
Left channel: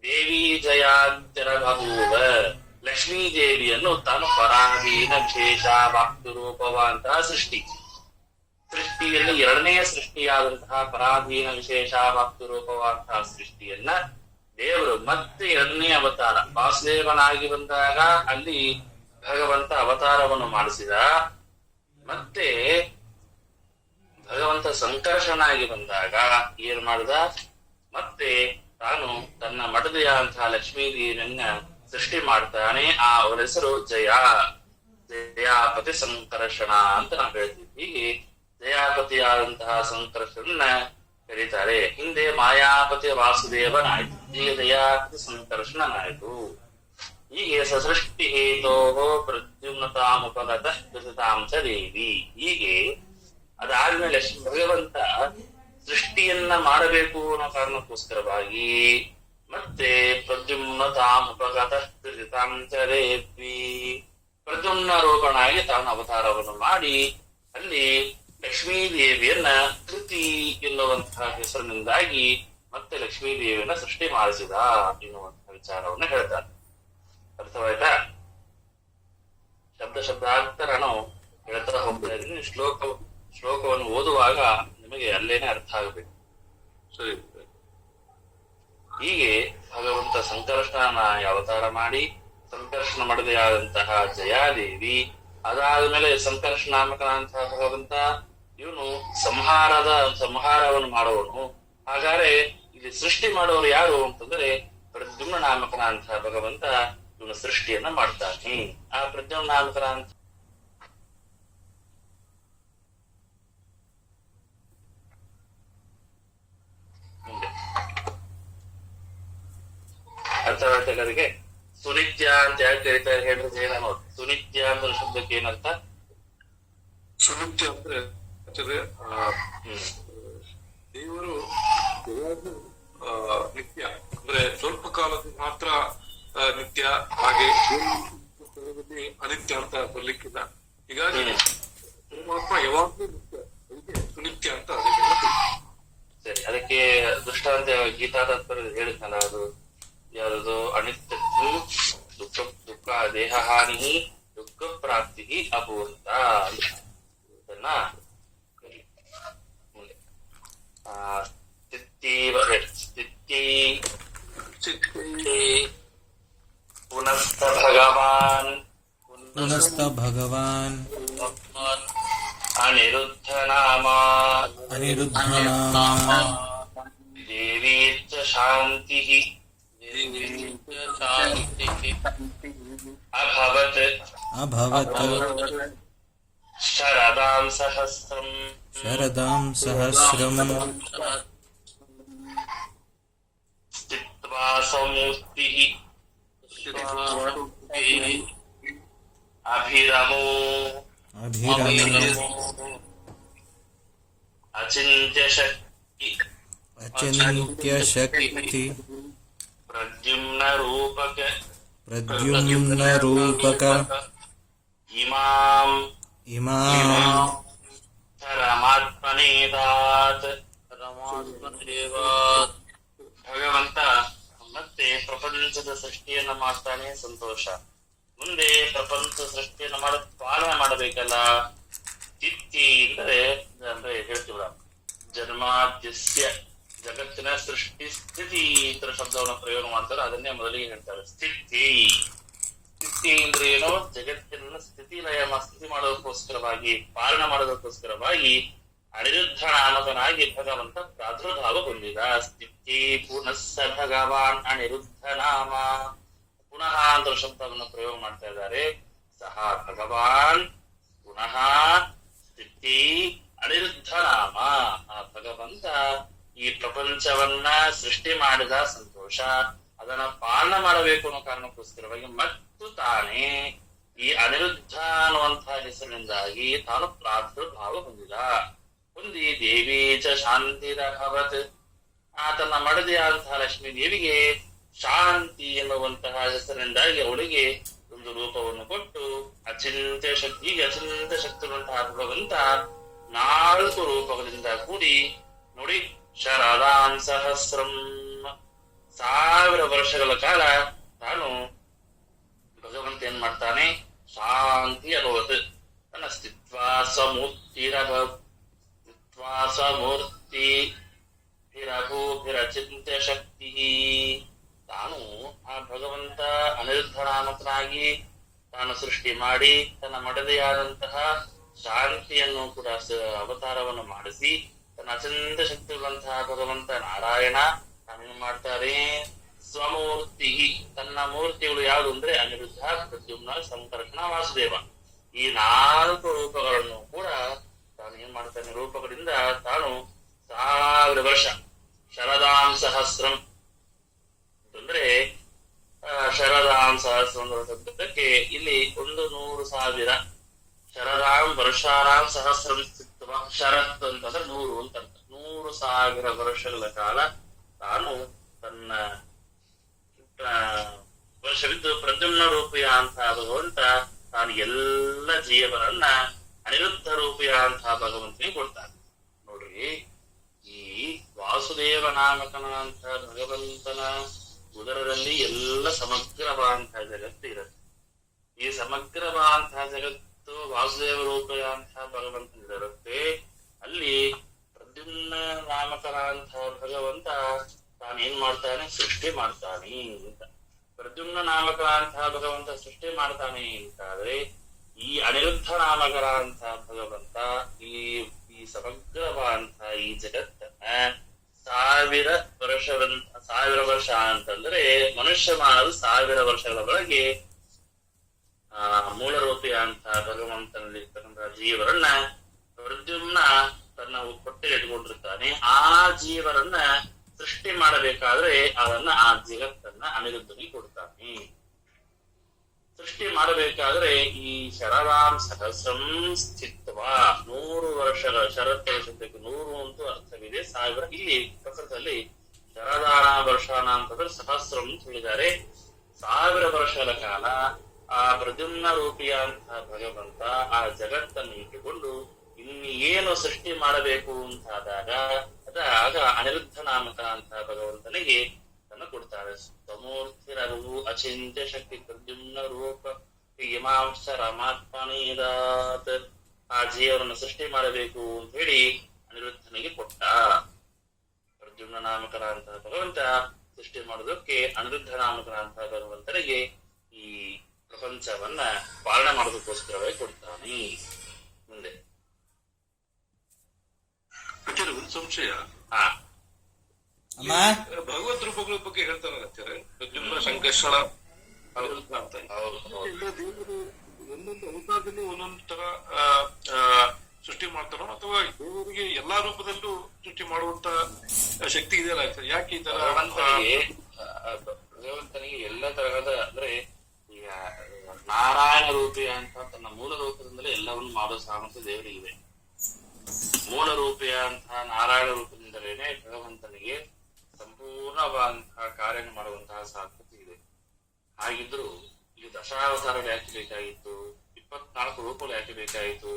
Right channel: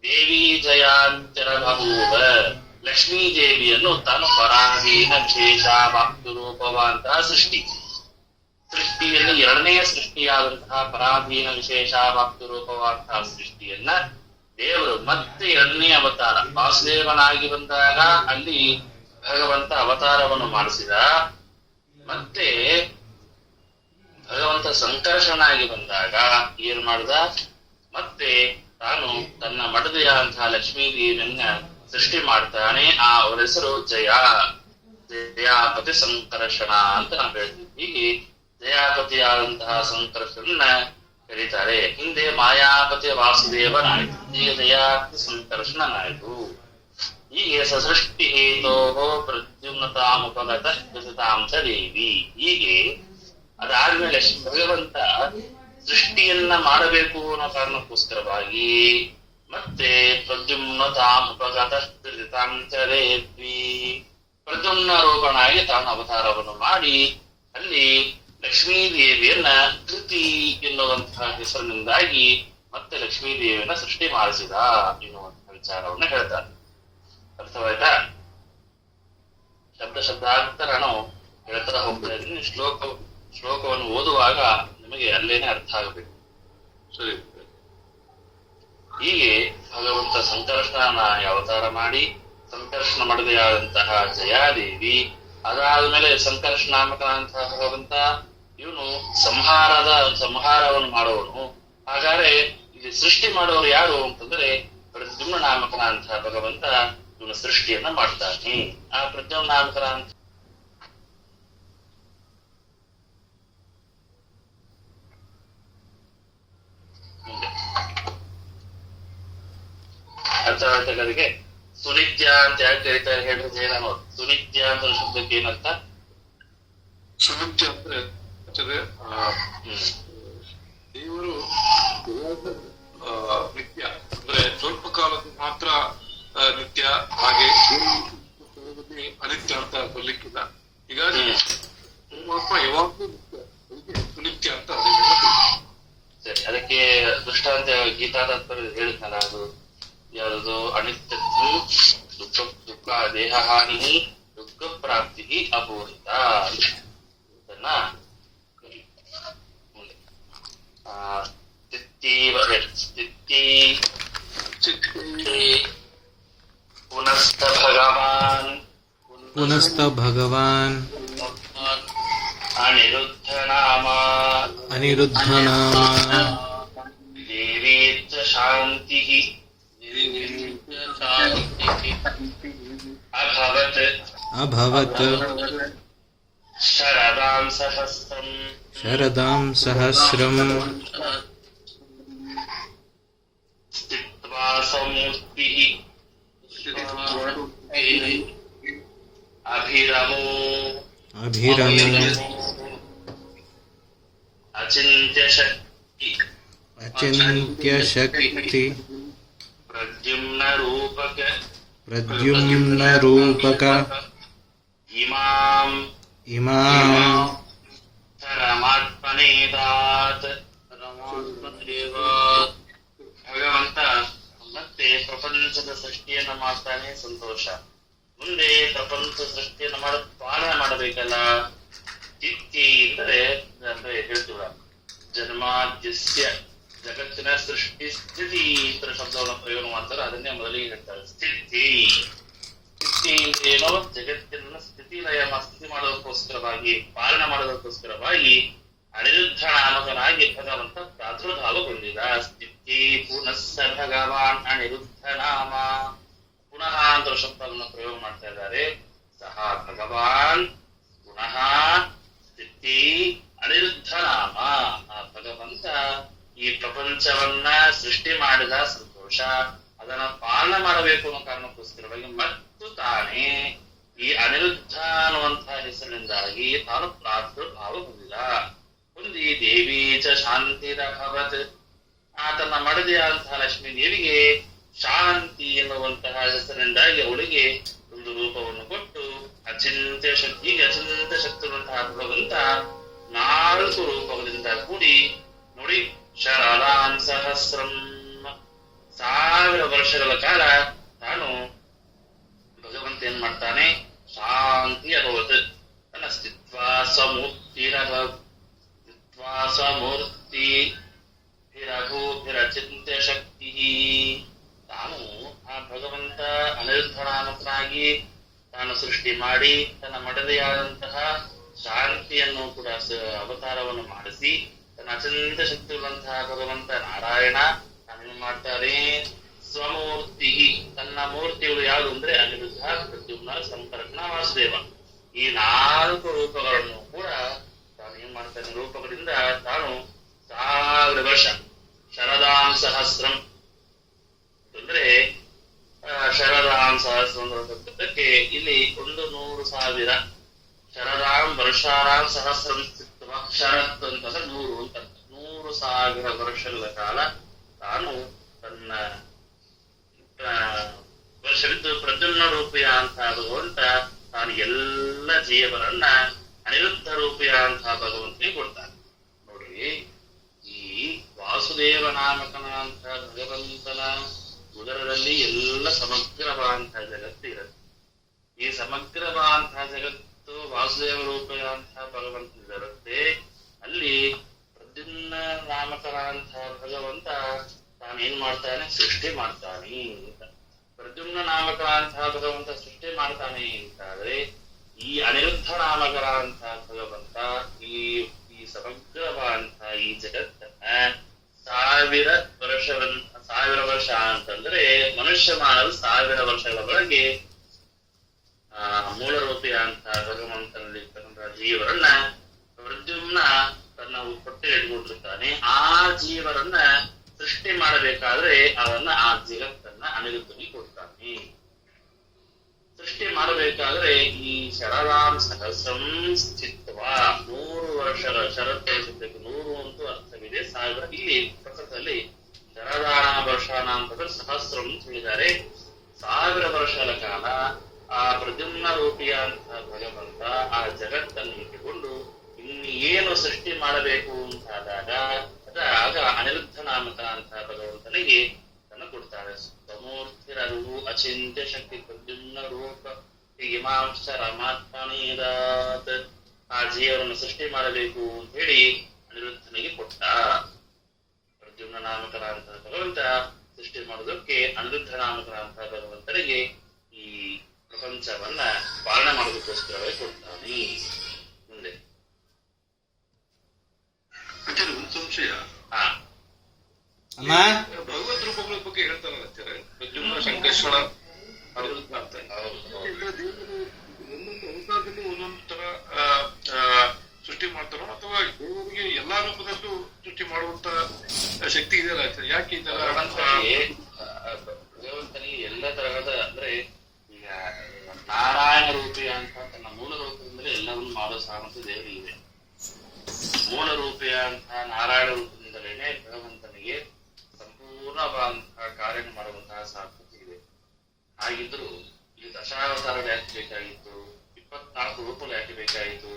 ದೇವಿ ಜಯಾಂಚರ ಬಭೂವ, ಲಕ್ಷ್ಮೀ ದೇವಿಯನ್ನು ತಾನು ಪರಾಧೀನ ವಿಶೇಷ ವಾಕ್ತು ರೂಪವಂತಹ ಸೃಷ್ಟಿಯಲ್ಲಿ 2ನೇ ಸೃಷ್ಟಿಯಾದಂತಹ ಪರಾಧೀನ ವಿಶೇಷ ವಾಕ್ತು ರೂಪವಂತಹ ಸೃಷ್ಟಿಯನ್ನ ದೇವರು ಮತ್ತೆ 2ನೇ ಅವತಾರ ವಾಸುದೇವನಾಗಿ ಬಂದಾಗ ಅಲ್ಲಿ ಭಗವಂತ ಅವತಾರವನ್ನು ಮಾಡಿಸಿದ. ಮತ್ತೆ ಭಗವಂತ ಸಂಕರ್ಷನಾಗಿ ಬಂದಾಗ ಏನ್ ಮಾಡಿದ, ಮತ್ತೆ ತಾನು ತನ್ನ ಮಡದಿಯಾದಂತಹ ಲಕ್ಷ್ಮೀ ದೇವಿಯನ್ನ ಸೃಷ್ಟಿ ಮಾಡ್ತಾನೆ. ಅವರ ಹೆಸರು ಜಯಾಪತಿ ಸಂಕರ್ಷಣ ಅಂತ ನಾವು ಹೇಳ್ತೀವಿ. ಹೀಗೆ ಜಯಾಪತಿಯಾದಂತಹ ಸಂಕರ್ಷಣನ ಕರೀತಾರೆ. ಹಿಂದೆ ಮಾಯಾಪತಿ ವಾಸುದೇವನಾಯ್ತು, ಈಗ ಜಯಾಪತಿ ಸಂಕರ್ಷಣನಾಯ್ತು. ಹೀಗೆ ಸಸೃಷ್ಟಿ ಹೇತೋ ಪ್ರದ್ಯುಮ್ನತಾಮುಪಗತ ದಶತಾಂಶ ದೇವಿ. ಹೀಗೆ ಅದಾದ್ಮೇಲೆ ಭಗವಂತ ಸೃಷ್ಟಿಯನ್ನ ಮಾಡಬೇಕು ಅನ್ನೋ ಕಾರಣಕ್ಕೋಸ್ಕರವಾಗಿ ಮತ್ತೆ ಪ್ರದ್ಯುಮ್ನತಾಮುಪಗತ ದಶತಾಂಶ ದೇವಿ ಪ್ರದ್ಯುಮ್ನ ರೂಪನಾಗಿ ತಾನು ಅವತಾರವನ್ನು ಮಾಡಿ ಅಲ್ಲಿ ಲಕ್ಷ್ಮೀ ದೇವಿಯನ್ನ ಕೃತಿ ಎನ್ನುವಂತಹ ಹೆಸರಿನಿಂದಾಗಿ ಮತ್ತೆ ಲಕ್ಷ್ಮೀ ದೇವಿಯನ್ನ ಸೃಷ್ಟಿ ಮಾಡಿಸಿದ ಎನ್ನುವಂತಹ ವಿಚಾರವನ್ನು ಹೇಳ್ತಾರೆ. ಅರ್ಥವಾಯ್ತಾ? ಶಬ್ದಾಂತರ ನಾವು ಹೇಳ್ತಾ ಹೋಗ್ತಾ ಇದ್ದೀನಿ. ಶ್ಲೋಕವನ್ನು ಓದುವಾಗ ನಿಮಗೆ ಅಲ್ಲೇನೆ ಅರ್ಥ ಆಗಬೇಕು. ಸರಿ. ಹೀಗೆ ಭಗವಂತ ಸಂಕರ್ಷಣ ಅವತಾರ ಮಾಡಿ ಸಂಕರ್ಷಣ ಮಾಡದೆಯಾದಂತಹ ಜಯಾದೇವಿ, ಅದಾದ್ಮೇಲೆ ಸಂಕರ್ಷಣಾಮಕನಾದಂತಹ ಭಗವಂತ ಇವನು ಸಂಹಾರವನ್ನು ಮಾಡುವವನು. ಹಾಗಾದ್ರೆ ಇಲ್ಲಿ ಸೃಷ್ಟಿ ಮಾಡುವವರು ಯಾರು ಅಂತಂದ್ರೆ ಪ್ರದ್ಯುಮ್ನ ನಾಮಕನಾದಂತಹ ಭಗವಂತ ಇವನು ಸೃಷ್ಟಿಯನ್ನ ಮಾಡ್ತಾನೆ. ಆ ಪ್ರದ್ಯುಮ್ನ ನಾಮಕನಾದಂತ ಅರ್ಥವಾಗ್ತದೆ. ಸುನಿತ್ಯ ಅಂತ ಯಾಕೆ ಕರೀತಾರೆ ಹೇಳಿದ್ರೆ ಏನೋ, ಸುನಿತ್ಯ ಅಂತ ಶಬ್ದಕ್ಕೆ ಏನಂತ? ಸುನಿತ್ಯ ಅಂದ್ರೆ ದೇವರು ನಿತ್ಯ ಅಂದ್ರೆ ಸ್ವಲ್ಪ ಕಾಲದ ಮಾತ್ರ ನಿತ್ಯ, ಹಾಗೆ ಅನಿತ್ಯ ಅಂತ ಬರ್ಲಿಕ್ಕಿಲ್ಲ. ಹೀಗಾಗಿ ಪರಮಾತ್ಮ ಯಾವಾಗ್ಲೂ ನಿತ್ಯ, ಅದಕ್ಕೆ ಸುನಿತ್ಯ ಅಂತ ಸರಿ. ಅದಕ್ಕೆ ದೃಷ್ಟಾಂತ ಗೀತಾದ ಹೇಳಿದ್ನಲ್ಲ, ಅದು ಯಾವುದು? ಅನಿತ್ಯತ್ವ ದುಃಖ ದೇಹ ಹಾನಿ ದುಃಖ ಪ್ರಾಪ್ತಿ ಅಪೂರಿತ. ಇದನ್ನ ಮುಂದೆ पुनस्त भगवान अनिरुद्ध नामा देवी शांति अभवत् शरदां सहस्रम् स्थित्वा संयुक्तिः अभिरमो अचिन्त्य शक्ति प्रद्युम्न रूपक इमां परमात्मनेदात् ಭಗವಂತ ಮತ್ತೆ ಪ್ರಪಂಚದ ಸೃಷ್ಟಿಯನ್ನು ಮಾಡ್ತಾನೆ. ಸಂತೋಷ. ಮುಂದೆ ಪ್ರಪಂಚ ಸೃಷ್ಟಿಯನ್ನು ಪಾಲನೆ ಮಾಡಬೇಕಲ್ಲ. ಸ್ಥಿತಿ ಅಂದ್ರೆ ಹೇಳ್ತೀವ, ಜನ್ಮಾದ್ಯಸ್ಯ ಜಗತ್ತಿನ ಸೃಷ್ಟಿ ಸ್ಥಿತಿ ಇತರ ಶಬ್ದವನ್ನು ಪ್ರಯೋಗ ಮಾಡ್ತಾರೆ. ಅದನ್ನೇ ಮೊದಲಿಗೆ ಹೇಳ್ತಾರೆ ಸ್ಥಿತಿ. ಸ್ಥಿತಿ ಅಂದ್ರೆ ಏನೋ, ಜಗತ್ತಿನ ಸ್ಥಿತಿ ಮಾಡೋದಕ್ಕೋಸ್ಕರವಾಗಿ, ಪಾಲನೆ ಮಾಡೋದಕ್ಕೋಸ್ಕರವಾಗಿ ಅನಿರುದ್ಧ ನಾಮಕನಾಗಿ ಭಗವಂತ ಪ್ರಾದುರ್ಭಾವಗೊಂಡಿದ. ಸ್ಥಿತಿ ಪುನಸ್ಸ ಭಗವಾನ್ ಅನಿರುದ್ಧ ನಾಮ. ಪುನಃ ಅಂತ ಶಬ್ದವನ್ನು ಪ್ರಯೋಗ ಮಾಡ್ತಾ ಇದ್ದಾರೆ. ಸಹ ಭಗವಾನ್ ಪುನಃ ಸ್ಥಿತಿ ಅನಿರುದ್ಧ ನಾಮ. ಆ ಭಗವಂತ ಈ ಪ್ರಪಂಚವನ್ನ ಸೃಷ್ಟಿ ಮಾಡಿದ ಸಂತೋಷ, ಅದನ್ನ ಪಾಲನೆ ಮಾಡಬೇಕು ಅನ್ನೋ ಕಾರಣಕ್ಕೋಸ್ಕರವಾಗಿ ಮತ್ತು ತಾನೇ ಈ ಅನಿರುದ್ಧ ಅನ್ನುವಂತಹ ಹೆಸರಿನಿಂದಾಗಿ ತಾನು ಪ್ರಾದುರ್ಭಾವ ಹೊಂದಿ ದೇವಿ ಚ ಶಾಂತಿರಭವತ್. ಆತನ ಮಡದಿಯಾದಂತಹ ಲಕ್ಷ್ಮೀ ದೇವಿಗೆ ಶಾಂತಿ ಎನ್ನುವಂತಹ ಹೆಸರಿನಿಂದಾಗಿ ಅವಳಿಗೆ ಒಂದು ರೂಪವನ್ನು ಕೊಟ್ಟು ಅಚಿಂತ್ಯ ಶಕ್ತಿವಂತಹ ಭಗವಂತ 4 ರೂಪಗಳಿಂದ ಕೂಡಿ ನೋಡಿ ಶರದಾಂ ಸಹಸ್ರಂ 1000 ವರ್ಷಗಳ ಕಾಲ ತಾನು ಭಗವಂತ ಏನ್ ಮಾಡ್ತಾನೆ, ಶಾಂತಿ ಅಭವತ್ ತನ್ನ ಸ್ಥಿತ್ವಾ ಸ್ವಮೂರ್ತಿ ಚಿಂತ್ಯ ಶಕ್ತಿ. ತಾನು ಆ ಭಗವಂತ ಅನಿರುದ್ಧ ನಾಮಕನಾಗಿ ತಾನು ಸೃಷ್ಟಿ ಮಾಡಿ ತನ್ನ ಮಡದಿಯಾದಂತಹ ಶಾಂತಿಯನ್ನು ಕೂಡ ಅವತಾರವನ್ನು ಮಾಡಿಸಿ ತನ್ನ ಅತ್ಯಂತ ಶಕ್ತಿಯುಳ್ಳಂತಹ ಭಗವಂತ ನಾರಾಯಣ ತಾನೇನು ಮಾಡ್ತಾರೆ, ಸ್ವಮೂರ್ತಿ ತನ್ನ ಮೂರ್ತಿಗಳು ಯಾವುದು ಅಂದ್ರೆ ಅನಿರುದ್ಧ, ಪ್ರದ್ಯುಮ್ನ, ಸಂಪರ್ಕಣ, ವಾಸುದೇವ. ಈ 4 ರೂಪಗಳನ್ನು ಕೂಡ ತಾನು ಏನ್ ಮಾಡ್ತಾನೆ, ರೂಪಗಳಿಂದ ತಾನು 1000 ವರ್ಷ ಶರದಾಂ ಸಹಸ್ರಂ ಅಂದ್ರೆ ಶರದಾಂ ಸಹಸ್ರಂ ಶಬ್ದಕ್ಕೆ ಇಲ್ಲಿ 100,000 ಶರದಾಂ ವರ್ಷಾರಾಂ ಸಹಸ್ರಂ ಸ್ಥಿತ್ವ. ಶರತ್ ಅಂತಂದ್ರೆ 100 ಅಂತ 100,000 ವರ್ಷಗಳ ಕಾಲ ತಾನು ತನ್ನ ವರ್ಷವಿದ್ದು ಪ್ರದ್ಯುಮ್ನ ರೂಪಿಯ ಅಂತ ಭಗವಂತ ತಾನು ಎಲ್ಲ ಜೀವರನ್ನ ಅನಿರುದ್ಧ ರೂಪಿಯ ಅಂತ ಭಗವಂತನಿಗೆ ಕೊಡ್ತಾನೆ. ನೋಡ್ರಿ, ಈ ವಾಸುದೇವ ನಾಮಕನಂತ ಭಗವಂತನ ಉದರದಲ್ಲಿ ಎಲ್ಲ ಸಮಗ್ರವಾದಂತಹ ಜಗತ್ತು ಇರುತ್ತೆ. ಈ ಸಮಗ್ರವಾದಂತಹ ಜಗತ್ತು ವಾಸುದೇವ ರೂಪಿಯ ಅಂತ ಭಗವಂತನಿರುತ್ತೆ. ಅಲ್ಲಿ ಪ್ರದ್ಯುಮ್ನ ನಾಮಕನಂತಹ ಭಗವಂತ ತಾನೇನ್ ಮಾಡ್ತಾನೆ, ಸೃಷ್ಟಿ ಮಾಡ್ತಾನೆ ಅಂತ. ಪ್ರದ್ಯುಮ್ನ ನಾಮಕರಂತಹ ಭಗವಂತ ಸೃಷ್ಟಿ ಮಾಡ್ತಾನೆ ಅಂತಾದ್ರೆ ಈ ಅನಿರುದ್ಧ ನಾಮಕರಂತಹ ಭಗವಂತ ಈ ಸಮಗ್ರವಾದಂತಹ ಈ ಜಗತ್ತನ್ನ 1000 ವರ್ಷ ಅಂತಂದ್ರೆ ಮನುಷ್ಯ ಮಾಡಲು 1000 ವರ್ಷಗಳ ಒಳಗೆ ಮೂಲ ರೂಪಿಯ ಅಂತ ಭಗವಂತನಲ್ಲಿರ್ತಕ್ಕಂತಹ ಜೀವರನ್ನ ಪ್ರದ್ಯುಮ್ನ ತನ್ನ ಹೊಟ್ಟೆಗೆ ಇಟ್ಕೊಂಡಿರ್ತಾನೆ. ಆ ಜೀವರನ್ನ ಸೃಷ್ಟಿ ಮಾಡಬೇಕಾದ್ರೆ ಅದನ್ನ ಆ ಜಗತ್ತನ್ನ ಅನಿರುದ್ಧನಿಗೆ ಕೊಡ್ತಾನೆ. ಸೃಷ್ಟಿ ಮಾಡಬೇಕಾದ್ರೆ ಈ ಶರದಾಂ ಸಹಸ್ರಂ ಸ್ಥಿತ್ವ 100 ವರ್ಷಗಳ ಶರತ್ ಶಬ್ದಕ್ಕೆ 100 ಅಂತೂ ಅರ್ಥವಿದೆ, 1000 ಇಲ್ಲಿ ಪ್ರಕೃತದಲ್ಲಿ ಶರದಾನ ವರ್ಷಾನ ಅಂತಂದ್ರೆ ಸಹಸ್ರಂ ಅಂತ ಹೇಳಿದ್ದಾರೆ. 1000 ವರ್ಷಗಳ ಕಾಲ ಆ ಪ್ರದ್ಯುಮ್ನ ರೂಪಿಯ ಅಂತ ಭಗವಂತ ಆ ಜಗತ್ತನ್ನು ಇಟ್ಟುಕೊಂಡು ಇನ್ನು ಏನು ಸೃಷ್ಟಿ ಮಾಡಬೇಕು ಅಂತಾದಾಗ ಆಗ ಅನಿರುದ್ಧ ನಾಮಕ ಅಂತ ಭಗವಂತನಿಗೆ ತನ್ನ ಕೊಡ್ತಾರೆ. ಸಮೂರ್ತಿರವು ಅಚಿಂತ್ಯ ಶಕ್ತಿ ಪ್ರದ್ಯುಮ್ನ ರೂಪ ಹಿಮಾಂಶರಮಾತ್ಮನೇದಾತ್. ಆ ಜೀವನನ್ನು ಸೃಷ್ಟಿ ಮಾಡಬೇಕು ಅಂತ ಹೇಳಿ ಅನಿರುದ್ಧನಿಗೆ ಕೊಟ್ಟ. ಪ್ರದ್ಯುಮ್ನ ನಾಮಕರ ಅಂತ ಭಗವಂತ ಸೃಷ್ಟಿ ಮಾಡೋದಕ್ಕೆ ಅನಿರುದ್ಧ ನಾಮಕರ ಅಂತ ಭಗವಂತನಿಗೆ ಈ ಪ್ರಪಂಚವನ್ನ ಪಾಲನೆ ಮಾಡೋದಕ್ಕೋಸ್ಕರವಾಗಿ ಕೊಡ್ತಾನೆ. ಮುಂದೆ ಒಂದು ಸಂಶಯ, ಅಮ್ಮ ಭಗವದ್ ರೂಪಗಳ ಬಗ್ಗೆ ಹೇಳ್ತಾರೆ ಅಂತಾರೆ, ಪ್ರದ್ಯುಮ್ನ, ಶಂಕೇಶ್ವರ, ಅನಿರುದ್ಧ ಅಂತ. ಒಂದೊಂದು ಅವತಾರದಲ್ಲಿ ಒಂದೊಂದು ತರ ಸೃಷ್ಟಿ ಮಾಡ್ತಾರೋ ಅಥವಾ ದೇವರಿಗೆ ಎಲ್ಲಾ ರೂಪದಲ್ಲೂ ಸೃಷ್ಟಿ ಮಾಡುವಂತ ಶಕ್ತಿ ಇದೆಯಲ್ಲ, ಯಾಕೆ ಈ ತರ ಭಗವಂತನಿಗೆ ಎಲ್ಲ ತರಹದ ಅಂದ್ರೆ ಈಗ ನಾರಾಯಣ ರೂಪಿ ಅಂತ ತನ್ನ ಮೂಲ ರೂಪದಿಂದಲೇ ಎಲ್ಲವನ್ನು ಮಾಡೋ ಸಾಮರ್ಥ್ಯ ದೇವರಿಗಿದೆ. ಮೂಲ ರೂಪಿಯ ಅಂತ ನಾರಾಯಣ ರೂಪದಿಂದಲೇನೆ ಭಗವಂತನಿಗೆ ಸಂಪೂರ್ಣವಾದಂತಹ ಕಾರ್ಯ ಮಾಡುವಂತಹ ಸಾಮರ್ಥ್ಯ ಇದೆ. ಹಾಗಿದ್ರು ಇಲ್ಲಿ ದಶಾವತಾರಗಳು ಯಾಕೆ ಬೇಕಾಗಿತ್ತು, 24 ರೂಪಗಳು ಯಾಕೆ ಬೇಕಾಯಿತು,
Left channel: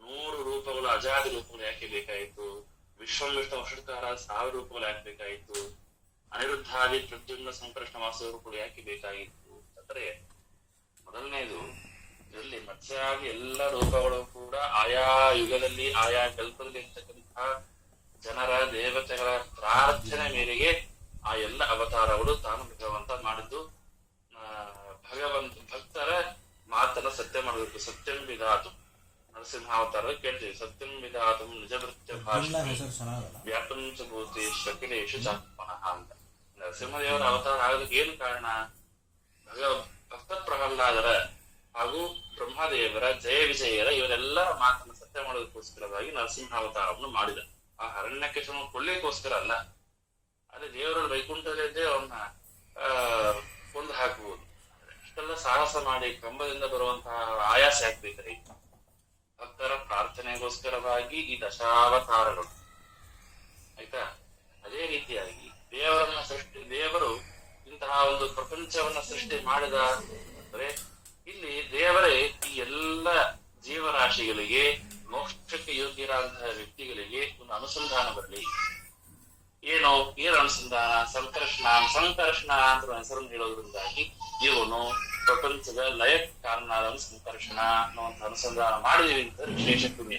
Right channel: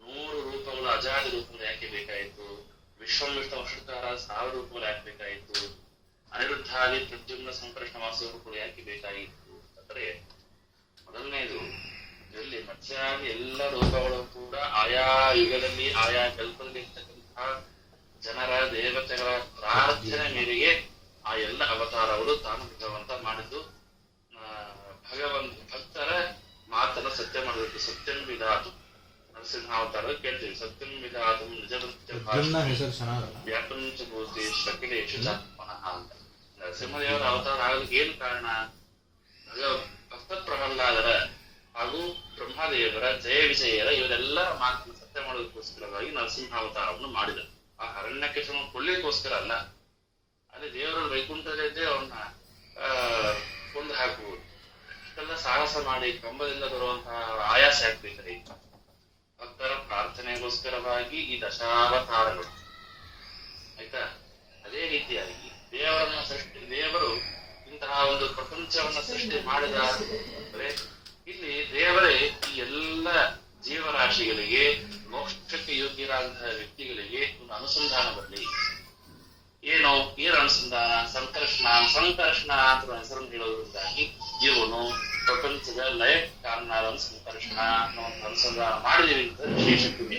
100 ರೂಪಗಳು ಅಜಾದಿ ರೂಪಗಳು ಯಾಕೆ ಬೇಕಾಯಿತು, ವಿಶ್ವವಿಷ್ಣು ವಷಟ್ಕಾರ 1000 ರೂಪಗಳು ಯಾಕೆ ಬೇಕಾಯಿತು, ಅನಿರುದ್ಧಾದಿ ಪ್ರದ್ಯುಮ್ನ ಸಂಕೃಷ್ಣ ವಾಸ ರೂಪಗಳು ಯಾಕೆ ಬೇಕಾಗಿತ್ತು ಅಂದ್ರೆ, ಮೊದಲನೇದು ಇದರಲ್ಲಿ ಮತ್ಸ್ಯಾದಿ ಎಲ್ಲ ರೂಪಗಳು ಕೂಡ ಆಯಾ ಯುಗದಲ್ಲಿ ಆಯಾ ಕಲ್ಪದಲ್ಲಿ ಇರ್ತಕ್ಕಂತಹ ಜನರ ದೇವತೆಗಳ ಪ್ರಾರ್ಥನೆ ಮೇರೆಗೆ ಆ ಎಲ್ಲ ಅವತಾರಗಳು ತಾನು ಭಗವಂತ ಮಾಡಿದ್ದು. ಭಕ್ತರ ಮಾತನ್ನು ಸತ್ಯ ಮಾಡಬೇಕು, ಸತ್ಯಂ ವಿಧಾತು ನರಸಿಂಹಾವತಾರ ಕೇಳ್ತೀವಿ. ಸತ್ಯಂ ವಿಧಾತಂ ನಿಜವೃತ್ಯ ಪ್ರದ್ಯುಮ್ನ ಹೆಸರು ಚೆನ್ನಾಗಲ್ಲ. ವ್ಯಾಪಂ ಚ ಭೂತಿ ಶಕಿಲೇಶು ಚ ಪುನಃ ಅಂತ. ನರಸಿಂಹದೇವರ ಅವತಾರ ಆಗಲಿಕ್ಕೆ ಏನು ಕಾರಣ? ಭಕ್ತ ಪ್ರಹ್ಲಾದರ ಹಾಗೂ ಬ್ರಹ್ಮದೇವರ ಜಯ ವಿಜಯರ ಇವರೆಲ್ಲ ಮಾತನ್ನು ಸತ್ಯ ಮಾಡೋದಕ್ಕೋಸ್ಕರವಾಗಿ ನರಸಿಂಹಾವತಾರವನ್ನು ಮಾಡಿದ. ಆ ಅರಣ್ಯಕೇಶನ ಕೊಲ್ಲಿಗೋಸ್ಕರ ಅಲ್ಲ. ಅಲ್ಲಿ ದೇವರು ವೈಕುಂಠದಲ್ಲಿದ್ದೇ ಅವನ್ನ ಕೊಂದು ಹಾಕುವುದು. ಇಷ್ಟೆಲ್ಲ ಸಾಹಸ ಮಾಡಿ ಕಂಬದಿಂದ ಬರುವಂತಹ ಆಯಾಸ ಆಗ್ಬೇಕ್ರಿ. ಭಕ್ತರ ಪ್ರಾರ್ಥನೆಗೋಸ್ಕರವಾಗಿ ಈ ದಶಾವತಾರಗಳು, ಆಯ್ತಾ? ಅದೇ ರೀತಿಯಾಗಿ ದೇವರು ಇಂತಹ ಒಂದು ಪ್ರಪಂಚವನ್ನ ಸೃಷ್ಟಿ ಮಾಡಿದ ಅಂದ್ರೆ ಇಲ್ಲಿ ದೇವರೇ ಈ ಎಲ್ಲ ಜೀವರಾಶಿಗಳಿಗೆ, ಮೋಕ್ಷಕ್ಕೆ ಯೋಗ್ಯರಾದಂತಹ ವ್ಯಕ್ತಿಗಳಿಗೆ ಒಂದು ಅನುಸಂಧಾನ ಬರಲಿ. ಏನು ಅನುಸಂಧಾನ? ಸಂಕರ್ಷಣ ಅಂತ ಹೆಸರನ್ನು ಹೇಳೋದ್ರಿಂದಾಗಿ ಇವನು ಪ್ರಪಂಚದ ಲಯ ಕಾರಣ ಸಂಕರ್ಷಣ ಅನ್ನುವಂಥ ಅನುಸಂಧಾನ ಮಾಡಿದೀವಿ ಅಂತ ವಿಶೇಷ ಪುಣ್ಯ.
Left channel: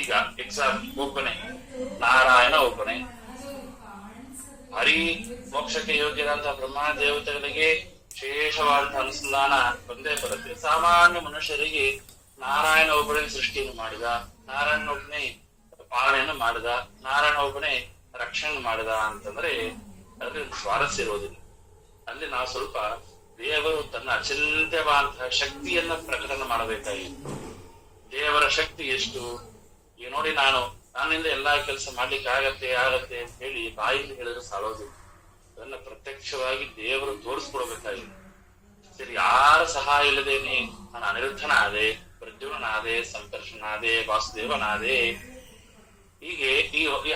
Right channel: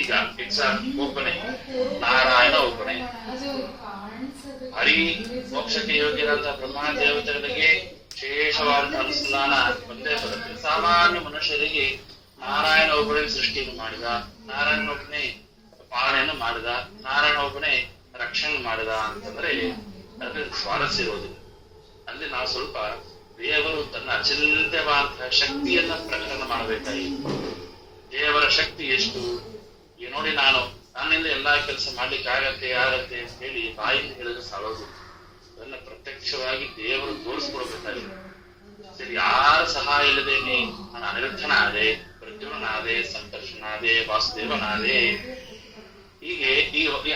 ಈಗ ಒಬ್ಬನೇ ನಾರಾಯಣ, ಒಬ್ಬನೇ ಹರಿ, ಮೋಕ್ಷಕ್ಕೆ ಯೋಗ್ಯರಾದಂತಹ ಬ್ರಹ್ಮ ದೇವತೆಗಳಿಗೆ ವಿಶೇಷವಾದಂತಹ ಅನುಸಂಧಾನ ಬಂದೇ ಬರುತ್ತೆ. ಸಾಮಾನ್ಯ ಮನುಷ್ಯರಿಗೆ ನಾರಾಯಣ ಒಬ್ಬನೇ ಸೃಷ್ಟಿಯನ್ನು ಮಾಡಿದ, ನಾರಾಯಣ ಒಬ್ಬನೇ ಪಾಲನೆಯನ್ನು ಮಾಡಿದ, ನಾರಾಯಣ ಒಬ್ಬನೇ ರಕ್ಷಣೆ ಮಾಡಿದ ಅಂತಂದ್ರೆ ಅದ್ರಲ್ಲಿ ಸ್ವಾರಸ್ಯ ಇರೋದಿಲ್ಲ. ಅಲ್ಲಿ ನಾವು ಸ್ವಲ್ಪ ದೇವರು ತನ್ನ ಅಚಿಂತ್ಯವಾದಂತಹ ಶಕ್ತಿಯನ್ನ ಪ್ರಕಟಣೆ ಮಾಡಬೇಕಾಗಿತ್ತು. ದೇವರ ಶಕ್ತಿ ಎಷ್ಟು ನೋಡಿ, ನನ್ನಿಂದ ಎಲ್ಲಾ ಕೆಲಸ ಮಾಡ್ಲಿಕ್ಕೆ ಆಗತ್ತೆ ಅಂತ ಹೇಳಿ ಬಾಯಿಂದ ಹೇಳಿದ್ರೆ ಸಾಲೋದಿಲ್ಲ. ಅದನ್ನ ಪ್ರತ್ಯಕ್ಷವಾಗಿ ದೇವರು ತೋರಿಸ್ಕೊಡ್ಬೇಕಾಗಿದೆ. ಸರಿ, ಯಾರ ಸಹಾಯ ಇಲ್ಲದೇನೆ ನಾನು ಅನಿರುದ್ಧನಾದೆ, ಪ್ರದ್ಯುಮ್ನಾದೆ, ಸಂಕರ್ಷನಾದೆ, ವಾಸುದೇವನಾದೆ. ಹೀಗೆ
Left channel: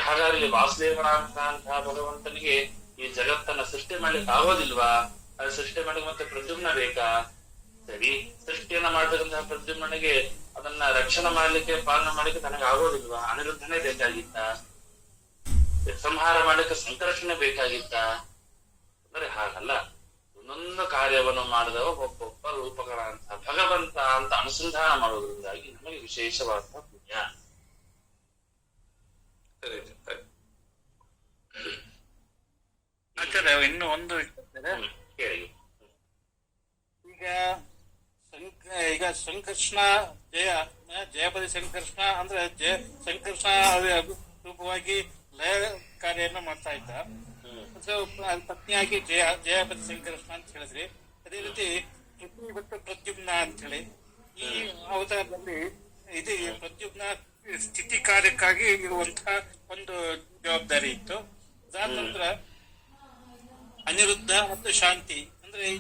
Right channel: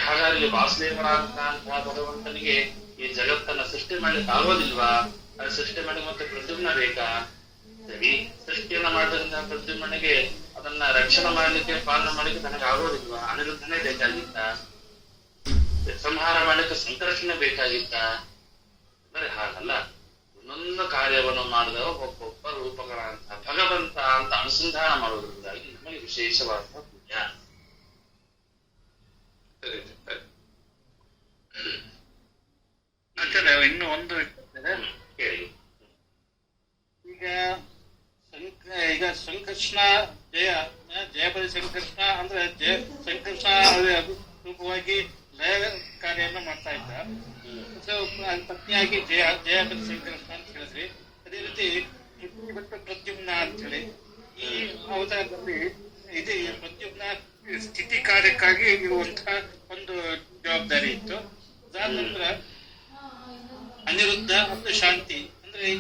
ಹಾಗಾಗಿ ವಾಸುದೇವನಾದಂತಹ ಭಗವಂತನಿಗೆ ಈ ಜಗತ್ತನ್ನ ಸೃಷ್ಟಿ ಮಾಡ್ಲಿಕ್ಕೆ ಆಗೋದಿಲ್ವಾ? ಅದು ಸೃಷ್ಟಿ ಮಾಡಿ ಮತ್ತೆ ಪ್ರದ್ಯುಮ್ನ ಬೇಕಾ? ಸರಿ, ಸೃಷ್ಟಿಯನ್ನ ಮಾಡಿದಂತಹ ಪ್ರದ್ಯುಮ್ನಿಗೆ ಅದನ್ನ ರಕ್ಷಣೆ ಮಾಡ್ಲಿಕ್ಕೆ, ಪಾಲನೆ ಮಾಡ್ಲಿಕ್ಕೆ ನನಗೆ ಆಗೋದಿಲ್ವಾ? ಅನಿರುದ್ಧನೇ ಬೇಕಾಗಿತ್ತ? ಸಂಹಾರ ಮಾಡ್ಲಿಕ್ಕೆ ಸಂಕರ್ಷಣೆ ಬೇಕಾಗಿತ್ತ? ಅಂದ್ರೆ ಹಾಗಲ್ಲ. ಒಂದೊಂದು ಕಾರ್ಯವನ್ನು ಮಾಡಿದವ ಒಬ್ಬೊಬ್ಬ ರೂಪಕರ ಅಂತ ಭಗವಂತ ಅಂತ ಅನುಸಂಧಾನ ಮಾಡೋದ್ರಿಂದಾಗಿ ನಮಗೆ ವಿಶೇಷವಾದ ಪುಣ್ಯ. ಸರಿ. ಇನ್ನು ಒಂದು ಕೇಳಿ. ಈಗ ಸಂಕರ್ಷಣ ಜಯಪದಿ ಸಂಕರ್ಷಣ ಅಂದ್ರೆ ಸಂಕರ್ಷಣ ರೂಪವಾಗಿ ಲಯ ಕಾರ್ಯನ ಮಾಡ್ತಾ ಇದ್ದ. ಪತ್ನಿಯಾಗಿ ಜಯಪದಿ ಸಂಕರ್ಷಣ ಅಂತ ಹೇಳಿದ್ರಿ. ಅದೇ ರೀತಿ ಪ್ರದ್ಯುಮ್ನ ಅಂತ ಹೇಳಿ ಈ ಅವತಾರದಲ್ಲಿ ಇದು ಪ್ರದ್ಯುಮ್ನ ಸ್ಥಿತಿ ಕಾರ್ಯಕ್ಕಾಗಿ ಇರುವಂತಹ ಒಂದು ಜವಾಬ್ದಾರಿ ಇತ್ತು. ಅದಾದ ನಂತರ ಅನಿರುದ್ಧ ಮತ್ತು ಶಾಂತಿ ಅಂದ್ರೆ ಈ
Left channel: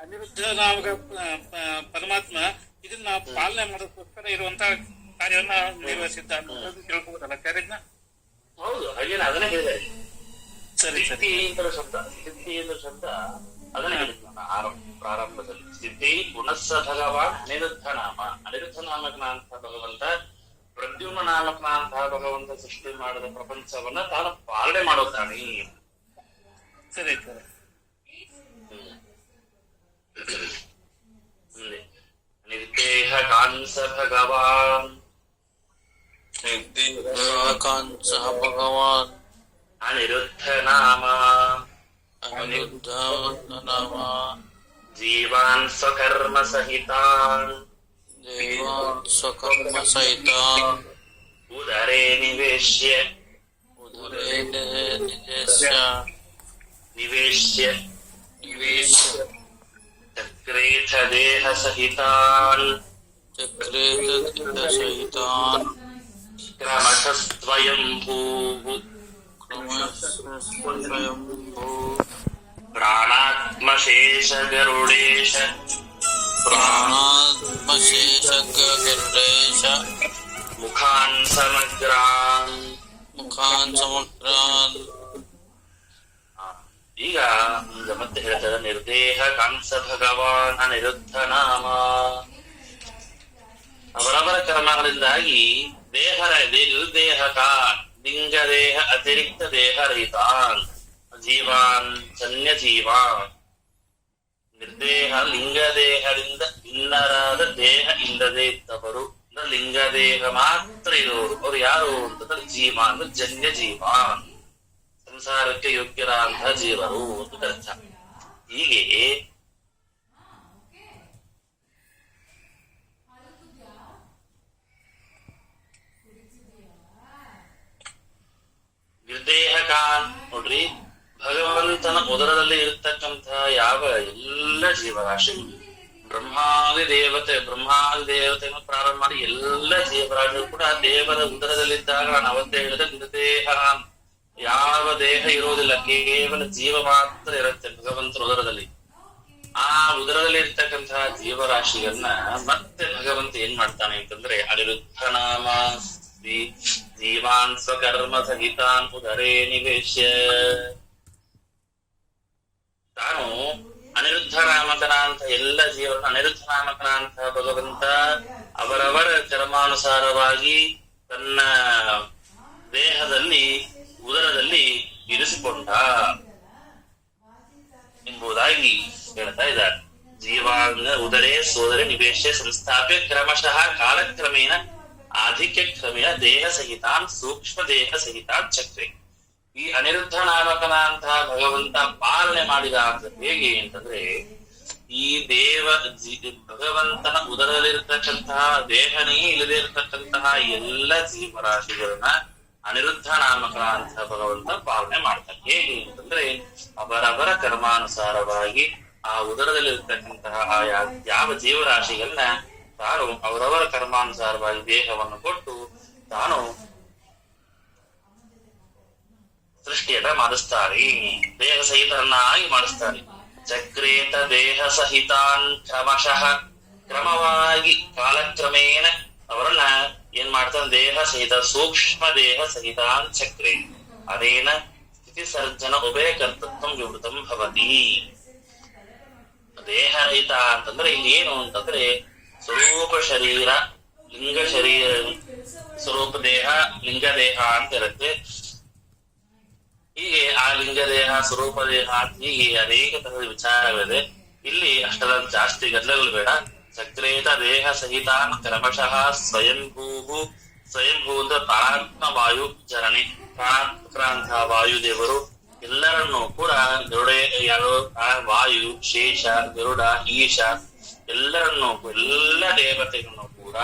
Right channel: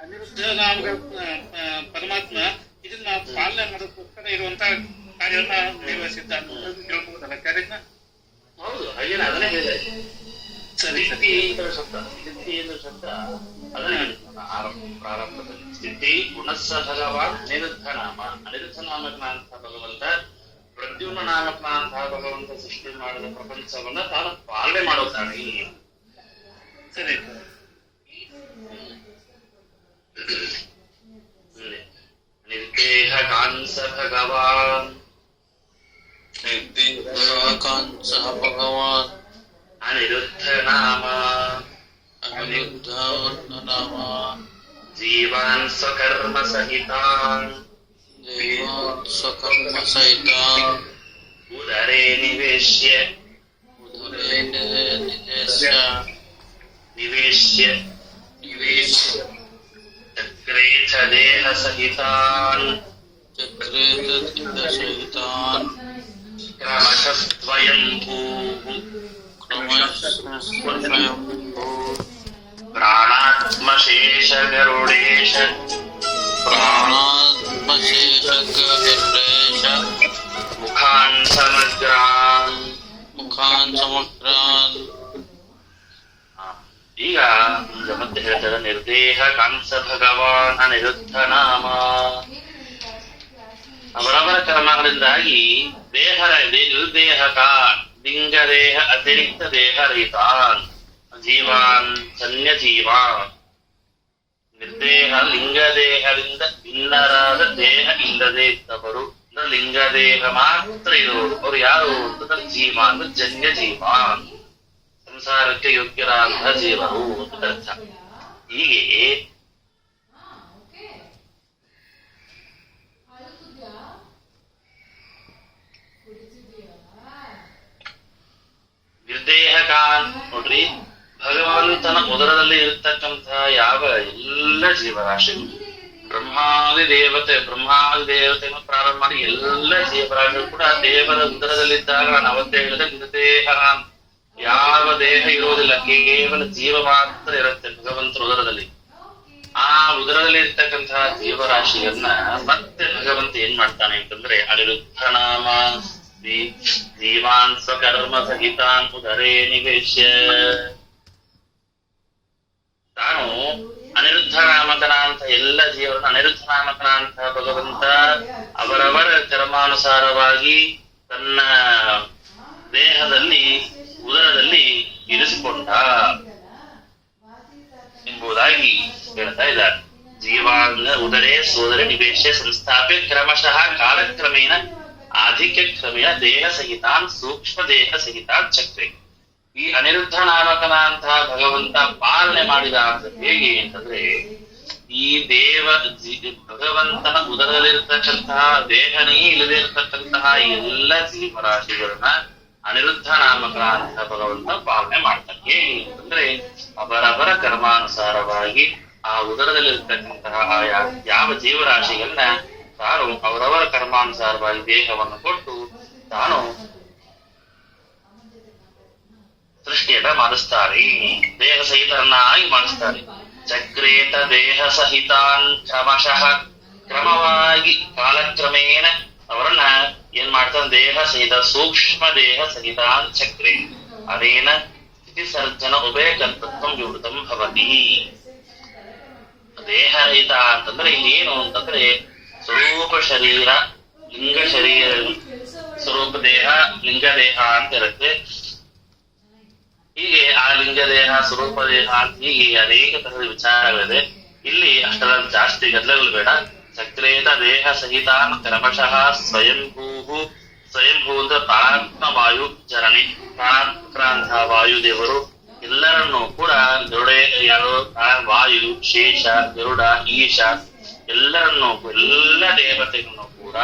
ಅನಿರುದ್ಧ ಪರಮಾತ್ಮ ಇದನ್ನ ಪಾಲನೆ ಮಾಡೋದಕ್ಕೋಸ್ಕರ ಇರುವಂತಹ ಕಾರ್ಯನ ನಿರ್ವಹಿಸಿದ್ದ ತಿಳ್ಕೊಬೋದಲ್ಲ ಕಾರ್ಯನ? ಹೌದು, ಹಾಗೇನೆ ಅದನ್ನೇ ಹೇಳಿದೆ. ಸರಿ. ಸ್ಥಿತಿ ಶಬ್ದ ಅದನ್ನೇ ಪ್ರಾರಂಭದಲ್ಲಿ ಸ್ಥಿತಿ ಗುಣಸ್ಸ ಭಗವಾನ್ ಅನಿರುದ್ಧ ನಾಮ. ಅನಿರುದ್ಧ ನಾಮಕನಂತಹ ಭಗವಂತ, ಪ್ರದ್ಯುಮ್ನ ನಾಮಕನಂತಹ ಭಗವಂತ ಸೃಷ್ಟಿ ಮಾಡಿದ ಪ್ರಪಂಚವನ್ನ ತಾನು ಪಾಲನೆ ಮಾಡೋದಾನೆ. ಸರಿ. ನಿರ್ದೇಹ ಕಾಂಸ ಭಗವಾನ್ ಭಗವಾನ್ ಅನಿರುದ್ಧ ನಾಮ ಅನಿರುದ್ಧ ನಾಮ ಜೀವಾನ್ ಸ್ವಕರ್ಮ ಸಹಿತಾನ್ ದೇವಾನ್ ಸ್ವಕರ್ಮ ಸಹಿತಾನ್ ಉದರೇ ನಿವೇಶ್ಯ ಚಕ್ರೇಥ ದೇಹ ಸಹಿತಾನ್ ಸಹಿತಾನ್ ಕ್ರಮಶಸ್ವಯಂಭೂಃ ಸ್ವಯಂಭೂ ಪ್ರಾಣಾತ್ಮಶೇಷ ಗರುಡೇಶ ಪ್ರಾಣಾತ್ಮಶೇಷ ಗರುಡೇಶ ಮುಖಾನ್ ಸಮಗ್ರಾನ್ ಮುಖಾನ್ ಸಮಗ್ರಾನ್. ಈಗ ಮತ್ತೆ ಹೇಳ್ತಾರೆ ನಿರ್ದೇಹ ಕಾಂಸ ಭಗವಾನ್ ಅನಿರುದ್ಧ ನಾಮ. ಅವರವರ ಕರ್ಮಗಳಿಂದಾಗಿ ನಿರ್ದೇಹ ಕಾನ್ ಲಿಂಗದೇಹ ಅತಿರಿಕ್ತ ದೇಹ ರಹಿತಾನ್ ಜೀವಾನ್ ಜನ್ಯ ಜೀವಾನ್. ನಿರ್ದೇಹ ಲಿಂಗದೇಹದಿಂದ ಭಿನ್ನರಾದ ದೇಹ ಇಲ್ಲದೆ ಇದ್ದವರು, ಲಿಂಗದೇಹ ಮಾತ್ರ ಇರುವರು. ಅವರು ಯಾರು ಅಂತಂದ್ರೆ ಜೀವ ಅಂದ್ರೆ ಜನ್ಯ ಜೀವಾನ್, ಸಂಸಾರಕ್ಕೆ ಯೋಗ್ಯರಾದಂತಹ ಜೀವರು ಅಂತ ಅರ್ಥ. ಹೀಗೆ ಉದರದಲ್ಲಿ ಇರತಕ್ಕಂತಹ ಯಾವ ಎಲ್ಲ ಜೀವರಾಶಿ ಬ್ರಹ್ಮಾದಿ ದೇವತೆಯನ್ನು ಪ್ರಾರಂಭ ಮಾಡಿ ಎಲ್ಲ ಜೀವರಾಶಿಗಳು ಕೂಡ ದೇವರ ಉದರದಲ್ಲಿದ್ದಾಗ ನಾನು ಅವತ್ತೇ ಹೇಳಿದ ನಿರ್ದೇಹ ಯಾವ ದೇಹ ಇರುವುದಿಲ್ಲ, ಕೇವಲ ಜೀವ ಮಾತ್ರ ಇರುತ್ತೆ ಭಗವಂತನ ಉದರದಲ್ಲಿ. ಆ ಉದರದಲ್ಲಿ ಇರ್ತಕ್ಕಂತಹ ಜೀವರಾಶಿಯನ್ನ ಮತ್ತೆ ಭಗವಂತ ಏನ್ ಮಾಡ್ತಾನೆ ಅಂತಂದ್ರೆ ಅನಿರುದ್ಧ ನಾಮ ಜೀವಾನ್ ಸ್ವಕರ್ಮ ಸಹಿತಾನ್ ಉದರೇ ನಿವೇಶ್ಯ. ತಾನು ಅನಿರುದ್ಧ ನಾಮಕನ ಅಂತ ಎಲ್ಲ ಜೀವನ ಅನಿರುದ್ಧ ನಾಮಕನ ಅಂತ ಭಗವಂತ ಅವರವರ ಕರ್ಮಾನುಸಾರವಾಗಿ ತನ್ನ ದೇಹದಲ್ಲಿ ಉದರದಲ್ಲಿ ಇರಿಸಿಕೊಂಡ ಎಂಬುದಾಗಿ ಹೇಳ್ತಾ ಇದ್ದಾರೆ. ಜೀವಾಂಗ ಉದರೇ ಸೋದರ ನಿವೇಶ ಸಂಸ್ಥಾಪ್ಯ ಕ್ರಮಶಃ ಕಾಲಕ್ರಮೇಣ ಆಧಿಕ್ಯ ಕ್ರಮೇಣ ದೇಹ ಸಹಿತಾನ್ ಸೂಕ್ಷ್ಮ ದೇಹ ಸಹಿತಾನ್ ಚಕ್ರೆ. ಈ ಅನಿರುದ್ಧ ನಾಮಕನ ಅಂತ ಭಗವಂತ ಪಾಲನೆ ಮಾಡಿದ ಅಂತ ಹೇಗೆ ಅಂತಂದ್ರೆ ಈ ಭಗವಂತನ ಉದರದಲ್ಲಿರ್ತಕ್ಕಂತಹ ದೇಹನೇ ಇಲ್ಲದೆ ಇರತಕ್ಕಂತಹ ಎಲ್ಲ ಜೀವರಾಶಿಗಳನ್ನ ಅನಿರುದ್ಧ ನಾಮಕನ ಅಂತ ಭಗವಂತ ಪಾಲನೆ ಮಾಡ್ತಾರೆ. ಹೇಗೆ ಅಂತಂದ್ರೆ ಅವರವರ ಕರ್ಮಾನುಸಾರವಾಗಿ ಆ ಉದರದಲ್ಲಿರ್ತಕ್ಕಂತಹ ಯಾವ ಜೀವರಾಶಿಗಳನ್ನ ತಾನು ಅವರವರ ಕರ್ಮಾನುಸಾರವಾಗಿ ದೇಹವನ್ನು ಕೊಟ್ಟು ತಾನು ಸೃಷ್ಟಿಯನ್ನ ಮಾಡಿಸ್ತಾರೆ, ದೇಹ ಸಹಿತರನ್ನಾಗಿ ಮಾಡಿಸ್ತಾರೆ. ಚಕ್ರೇತ ದೇಹ ಸಹಿತಾನ್ ಕ್ರಮಶಃ ಕ್ರಮವಾಗಿ ಕಾಲಕ್ರಮೇಣ ಅವರನ್ನ ಏನ್ ಮಾಡ್ತಾನೆ ದೇಹ ಸಹಿತ ಸೂಕ್ಷ್ಮ ದೇಹ ಸಹಿತಾನ್ ಚಕ್ರೆ ಅದೇನ ಸ್ಥಿತಿ ಸರ್ಜನ ಉಭಯ ಕರ್ತೃತ್ವ ವಿವೃತಂ ಭವತಿ. ದೇಹ ರಹಿತ ಅಂತಂದ್ರೆ ಇಲ್ಲಿ ಏನು ಅಂತಂದ್ರೆ ಸ್ವರೂಪ ಶರೀರ ಲಿಂಗ ಶರೀರ ಸ್ವರೂಪ ದೇಹ ಲಿಂಗ ದೇಹ ಅಂತ ಇರುತ್ತೆ. ಹೀಗೆ ಆ ಲಿಂಗ ದೇಹ ಸ್ವರೂಪ ದೇಹ ಅಂತ ಹೀಗೆ ಅನೇಕ ತರದ ವಿಚಾರಗಳಿದೆ. ಇಲ್ಲಿ ಅಷ್ಟರ ಜಾಸ್ತಿ ಗದ್ದಲಗಳು ಬೇಡ. ಚಕ್ರೇತ ದೇಹ ಸಹಿತಾನ್ ಕ್ರಮಶಃ ಸ್ವಯಂಭೂ ಅಂದ್ರೆ ಪ್ರಾಣಾತ್ಮ ವಾಯು ಚರಣಿ ಪ್ರಾಣಾತ್ಮಕರಂತಹ ವಾಯುದೇವರು ಎಲ್ಲರನ್ನೂ ಕೂಡ ವಾಯು ಶೇಷ ಗರುಡ ಈಶ ಎಲ್ಲರನ್ನೂ ಎಲ್ಲ ದೇವತೆಗಳನ್ನು ಕೂಡ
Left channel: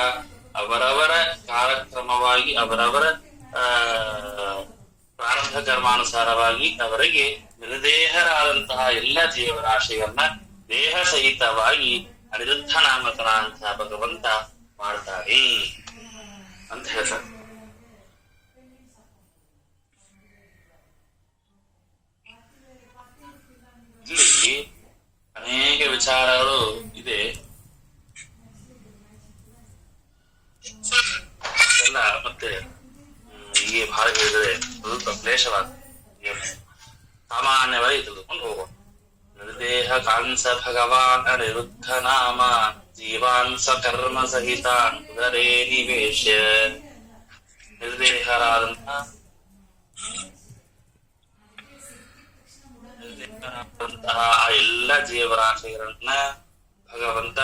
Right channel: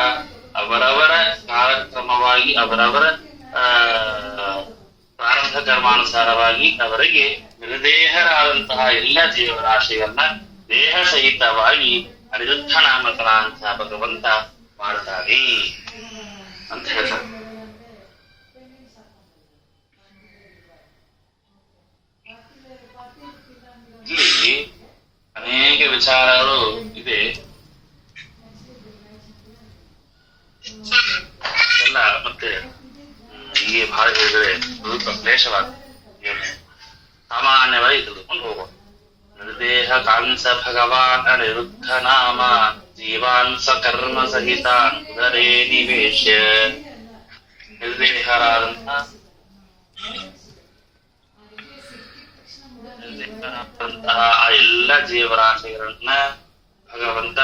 ಅವರವರ ಕಾಲಕ್ರಮವಾಗಿ ಅವರವರ ಪ್ರಾರಂಭ ಕರ್ಮಾನುಸಾರವಾಗಿ ಅವರಿಗೆ ನಿರ್ದೇಹರಾದಂತಹ ಎಲ್ಲ ಜೀವರಾಶಿಯನ್ನ ದೇಹ ಸಹಿತವಾಗಿ ಅನಿರುದ್ಧ ನಾಮಕನ ಅಂತ ಭಗವಂತ ಮಾಡ್ತಾನೆ ಅಂತ ಹೇಳ್ತಾರೆ. ಇಲ್ಲಿ ಅನೇಕ ವಿಚಾರಗಳು ಇದೆ. ಎಲ್ಲ ಮತ್ತೆ ಹೀಗೆ ಬಹಳ ಹೇಳಿದ್ರೆ ಸ್ವಲ್ಪ ಕ್ಲೇಶವಾಗ್ತದೆ. ಸಾಮಾನ್ಯವಾಗಿ ತಿಳಿದುಕೊಂಡು ಹೋಗೋಣ. ನಿರ್ದೇಹ ಕಾಂಸ ಭಗವಾನ್ ಅನಿರುದ್ಧ ನಾಮ ಜೀವಾನ್ ಸ್ವಕರ್ಮ ಸಹಿತಾನ್ ಉದರೇ ನಿವೇಶ. ನಿರ್ದೇಹರಾದಂತಹ ಆ ಎಲ್ಲ ಜೀವರಾಶಿಗಳನ್ನ ಭಗವಂತ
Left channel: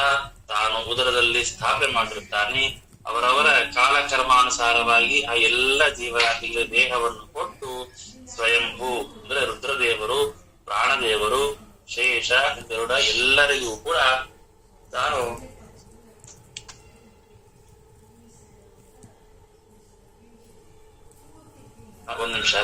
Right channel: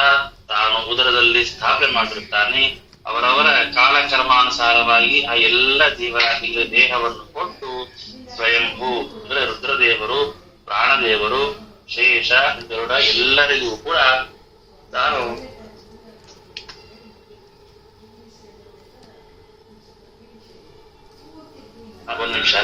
ತಾನು ಉದರದಲ್ಲಿ ಸ್ಥಾಪನೆ ಮಾಡಿರುತ್ತಾನೆ. ಅವರವರ ಕಾಲಕರ್ಮಾನುಸಾರವಾಗಿ ಆ ಎಲ್ಲ ಜೀವರಾಶಿಗಳ ದೇಹವನ್ನು ಕೊಟ್ಟು ಸ್ವಯಂಭೂ ಅಂದ್ರೆ ರುದ್ರದೇವರು ಪ್ರಾಣದೇವರು ಶೇಷ ಗರುಡ ಎಲ್ಲರಿಗೂ ಕೂಡ ತಾನು ಒಂದು ನಿಮಿಷ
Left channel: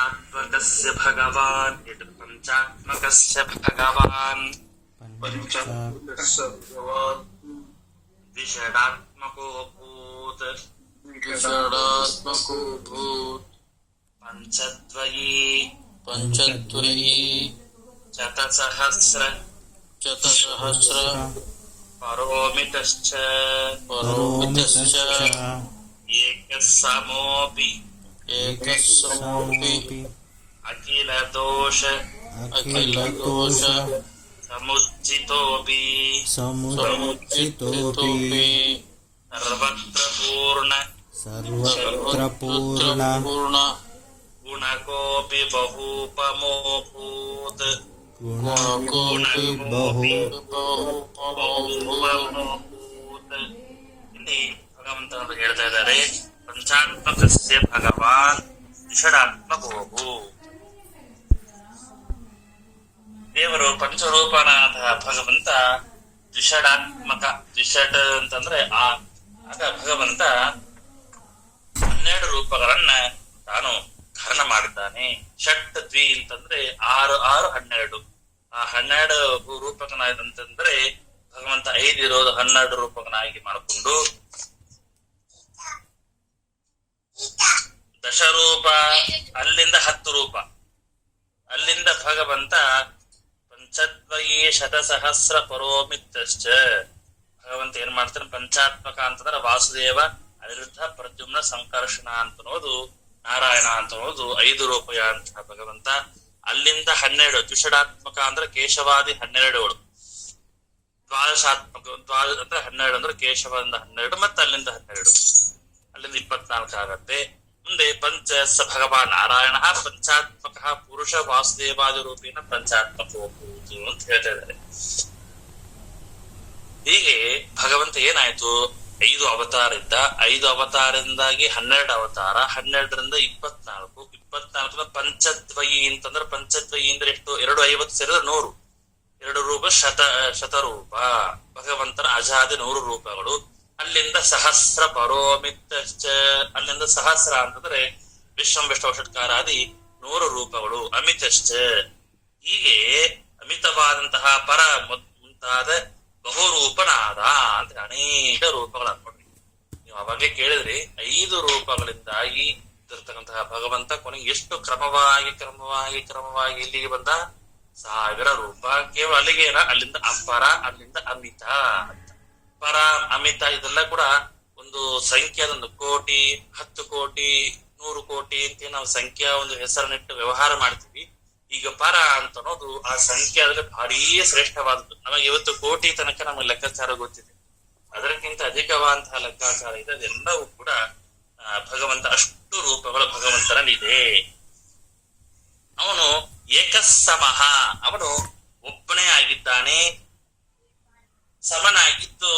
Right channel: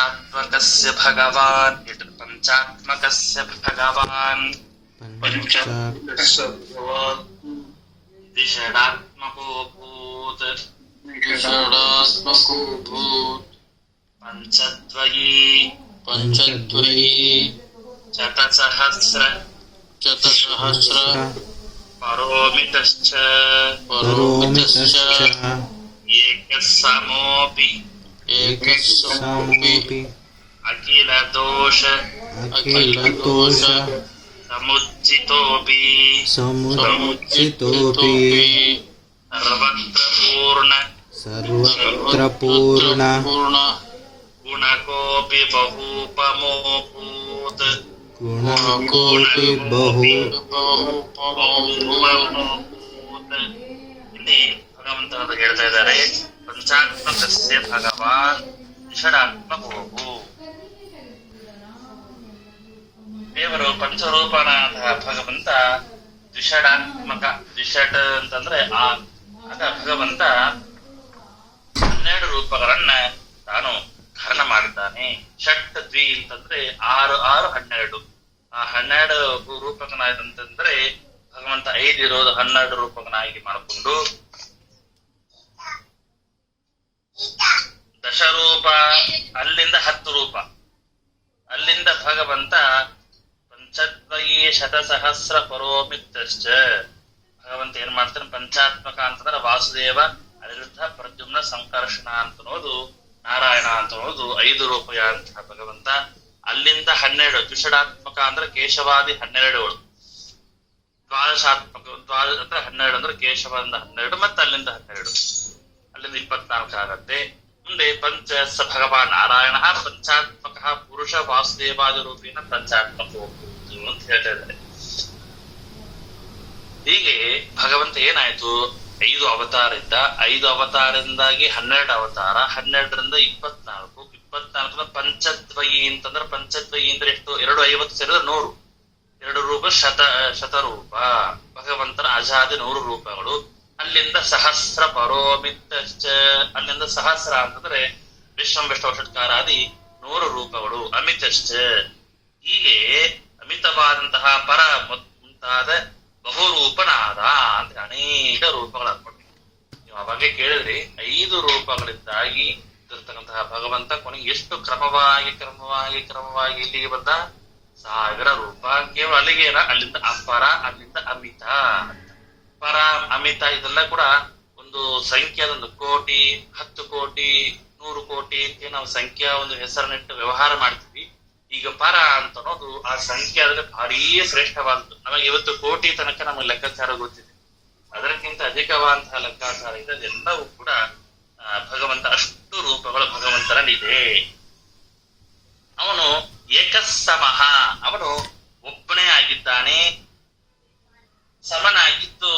ಪಂಚಾತ್ಮಕಸ್ಯ ಭಗವಾನ್ ಇಟ್ ಪಂಚಾತ್ಮಕಸ್ಯ ಭಗವಾನ್ ದ್ವಿಷಡಾತ್ಮಕೋ ಭೂತ್ ಷಡಾತ್ಮಕೋ ಭೂತ್ ಪಂಚದ್ವಯೀ ಪಂಚದ್ವಯೀ ಶತಸಹಸ್ರ ಶತಸಹಸ್ರ ಪರೋಮಿತಶ್ಚ ಪರೋಮಿತಶ್ಚ ಏಕಸಮೋಪಿ ಏಕಸ್ಸಮೋಪಿ ಅಖಿಲ ದೋಷ ಅಖಿಲದೋಷ ಸಮುಜ್ಜಿತೋಪಿ ಸಮುಚಿತೋಪಿ ಸರ್ವತ್ರ ಪೂರ್ಣ ಸರ್ವತ್ರ ಪೂರ್ಣ ಪೂರ್ಣ ಗುಣಕೋಪಿ ಬಹುಪಮೋಭೂತ್ ಗುಣಕೋಪಿ ಬಹು ಬಹುಪಮೋಭೂತ್ ಇಲ್ಲಿ ಭಗವಂತ ಅಂತ ಹೇಳ್ತಾ ಇದ್ದಾರೆ. ಪಂಚಾತ್ಮಕಸ್ಯ ಭಗವಾನ್ ಷಡಾತ್ಮಕೋಭೂ. ದೇವರು ಪಂಚರೂಪನಾದ ಭಗವಂತ ದ್ವಿಷಡಾತ್ಮಕ. ದ್ವಿಷಡ್ ಅಂತಂದ್ರೆ ಆಗ ಭಗವಂತ 12 ರೂಪಗಳನ್ನ ತಾನು ಧಾರಣ ಮಾಡುತ್ತಾನೆ. ಷಟ್ ದ್ವಿ ಅಂತಂದ್ರೆ 6 12. ಆ 12 ರೂಪಕನಾದಂತಂದ್ರೆ ಭಗವಂತ 5 ಇರೋದು 12 ರೂಪಕನಾಗಿ ಮಾಡಿಕೊಂಡು ದಶರೂಪ, ಅಲ್ಲಿಂದ 10 ರೂಪ, ಅಲ್ಲಿಂದ ಭಗವಂತ ಪಂಚದ್ವಯೀ ಶತಸಹಸ್ರ ಪರೋಮಿತಶ್ಚ. ಭಗವಂತ ಏನ್ ಮಾಡ್ತಾನೆ, ಪಂಚಾತ್ಮಕ ಅಂತಂದ್ರೆ ವಾಸುದೇವ, ಅನಿರುದ್ಧ, ಪ್ರದ್ಯುಮ್ನ, ಸಂಕರ್ಷಣ ಅಂತನೋದು, ನಾರಾಯಣ ಅಂತನೋದು 5 ರೂಪಯ ಅಂತ ಭಗವಂತ. ಅಲ್ಲಿಂದ 12 ದ್ವಿಷಡಾತ್ಮಕ ಅಂದ್ರೆ ಕೇಶವಾದಿ 12, ದ್ವಾದಶಾತ್ಮಕ ಅಂದ್ರೆ 12 ಅಂದ್ರೆ ಕೇಶವದಿಂದ 12 ಮತ್ತೆ ಅಲ್ಲಿಂದ 12, ಅಲ್ಲಿಂದ 24 ಆಗತ್ತೆ. ಮುಂದೆ ಪಂಚ ಸ ಭಗವಾನ್ ನಾರಾಯಣ ಪಂಚಾತ್ಮಕ ಪುರುಷ ವಾಸುದೇವಾದಿ ರೂಪೇಣ ಪಂಚಾತ್ಮಕ ಅಂತ ಹೇಳ್ತಾ ಇದ್ದಾರೆ. ಹೀಗೆ ಭಗವಂತ ಏನಾಯ್ತು, 5 ಅವತಾರ ಇದ್ದ, 5 ಅವತಾರದಿಂದಾಗಿ 12 ಅವತಾರ, 12ರಿಂದ 24, 24 ಪಂಚದ್ವಯಿ ಅಂತಂದ್ರೆ, ಪಂಚದ್ವಯಿ ಅಂದ್ರೆ ಎಷ್ಟು, 250 ಸೇರಿದ್ರೆ 100, 2 ರೂಪ ಶತರೂಪ. ಭಗವಂತನ ಅಜಾದಿ 100 ರೂಪಗಳು. ಅಲ್ಲಿಂದ ಸಹಸ್ರ ಪರೋಮಿತಶ್ಚ, ಅಲ್ಲಿಂದ ಸಹಸ್ರ ಅಂತಂದ್ರೆ ವಿಶ್ವಂಬಿಷ್ಟೌಷತ್ಕಾರಾದಿ 100 ರೂಪಗಳು. ಅಮಿತಶ್ಚ, ಹೀಗೆ ಅಮಿತವಾದಂತಹ ಪರ ಮುಂತಾದ ಬಹುರೂಪನಾದ ಅಂತ ಅನೇಕ ರೂಪಗಳು ಅನ್ಕೊಂಡಿದ್ವಿ. ನೀವು ಅವಾಗೆ ಕೇಳಿದ್ರಿ, 5 ರೂಪಗಳಿಂದಾಗಿ ಇರ್ತಕ್ಕಂತಹ ಭಗವಂತ ಕೊನೆಗೆ ಎಷ್ಟು ಕ್ರಮವಾಗಿ ಇಲ್ಲಿಗೆ ಬಂದ, 1000 ರೂಪ. ಕೇವಲ ಅಲ್ಲಿಗೇನ, ಅಲ್ಲಿಂದ ಅಪರ, ಅಲ್ಲಿಂದ ಅಮಿತ. ಪರ ಅಮಿತ ಇದೆಲ್ಲ ಕೂಡ ಒಂದು ಸಂಖ್ಯೆ, ಅದೊಂದು ಕೋಟಿ, 10 ಕೋಟಿ, 100 ಕೋಟಿ ಅಂತ ನಾವು ಸಂಖ್ಯಾ ಒಂದು ಹೆಸರನ್ನಿಟ್ಟು ವ್ಯವಹಾರ ಮಾಡ್ತೀವಿ. ಈಗ ಪರ ಅಂತ ಅನ್ನೋದು ಆ ಸಂಖ್ಯೆ ಆದ್ರೆ ಭಾರೀ ಶ್ರೇಷ್ಠವಾದದ್ದು. ನಮಗೆ ಇವತ್ತು ಕೋಟಿ ತನಕ ನಮಗೆ ಲೆಕ್ಕಾಚಾರ ಗೊತ್ತಿದೆ, ಅದಕ್ಕಿಂತ ಅಧಿಕವಾದಂತಹ ಲೆಕ್ಕಾಚಾರ ಇದೆ. ಅದೆಲ್ಲವೂ ಕೂಡ ಭಗವಂತ, ಅಷ್ಟು ರೂಪಗಳು ಭಗವಂತನಲ್ಲಿದೆ. ಅವನು ಏಕಸಮಃ, ಅವನು ಒಬ್ಬನೇ ಆಗಿದ್ದಾನೆ, ಸಮನಾಗಿದ್ದು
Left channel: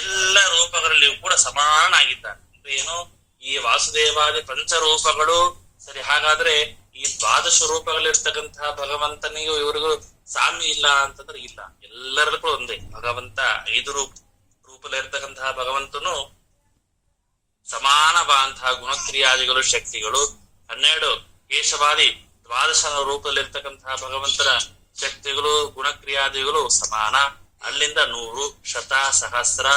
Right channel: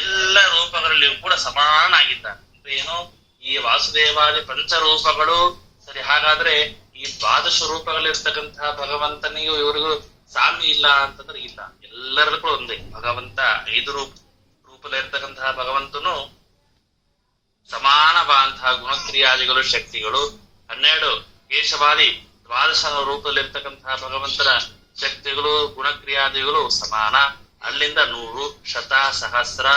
ಎಲ್ಲ ರೂಪಗಳಲ್ಲಿಯೂ ಕೂಡ ಸಮಾನಾಗಿದ್ದಾನೆ. ಅಂದ್ರೆ ಏನು, ಈ ವಾಸುದೇವಾದಿ ಪಂಚರೂಪಗಳು ಸರಿ, ಹಾಗಾದ್ರೆ ಈ 12 ರೂಪಗಳಿರ್ತಕ್ಕಂತಹ ಭಗವಂತನಿಗೂ ಇವರಿಗೂ ಸಾಮ್ಯ ಇಲ್ಲ ಅಂತಂದ್ರೆ ಇಲ್ಲ, ಎಲ್ಲರಿಗೂ ಒಂದೇ. ಭಗವಂತ 5 ರೂಪದಲ್ಲಿರ್ತಕ್ಕಂತಹ ಭಗವಂತನು ಸಮಾನವಾದಂತಹ ಗುಣಕ್ರಿಯಾದಿಗಳು, ಶಕ್ತಿಗಳು. 12 ಕೇಶವಾದಿ 12 ರೂಪದಲ್ಲಿರ್ತಕ್ಕಂತಹ ಭಗವಂತನ ಶಕ್ತಿಗಳು, ಗುಣಕ್ರಿಯಾದಿಗಳು ಸಮಾನ. ಅಲ್ಲಿಂದ 100, ಶತ, ಸಹಸ್ರ,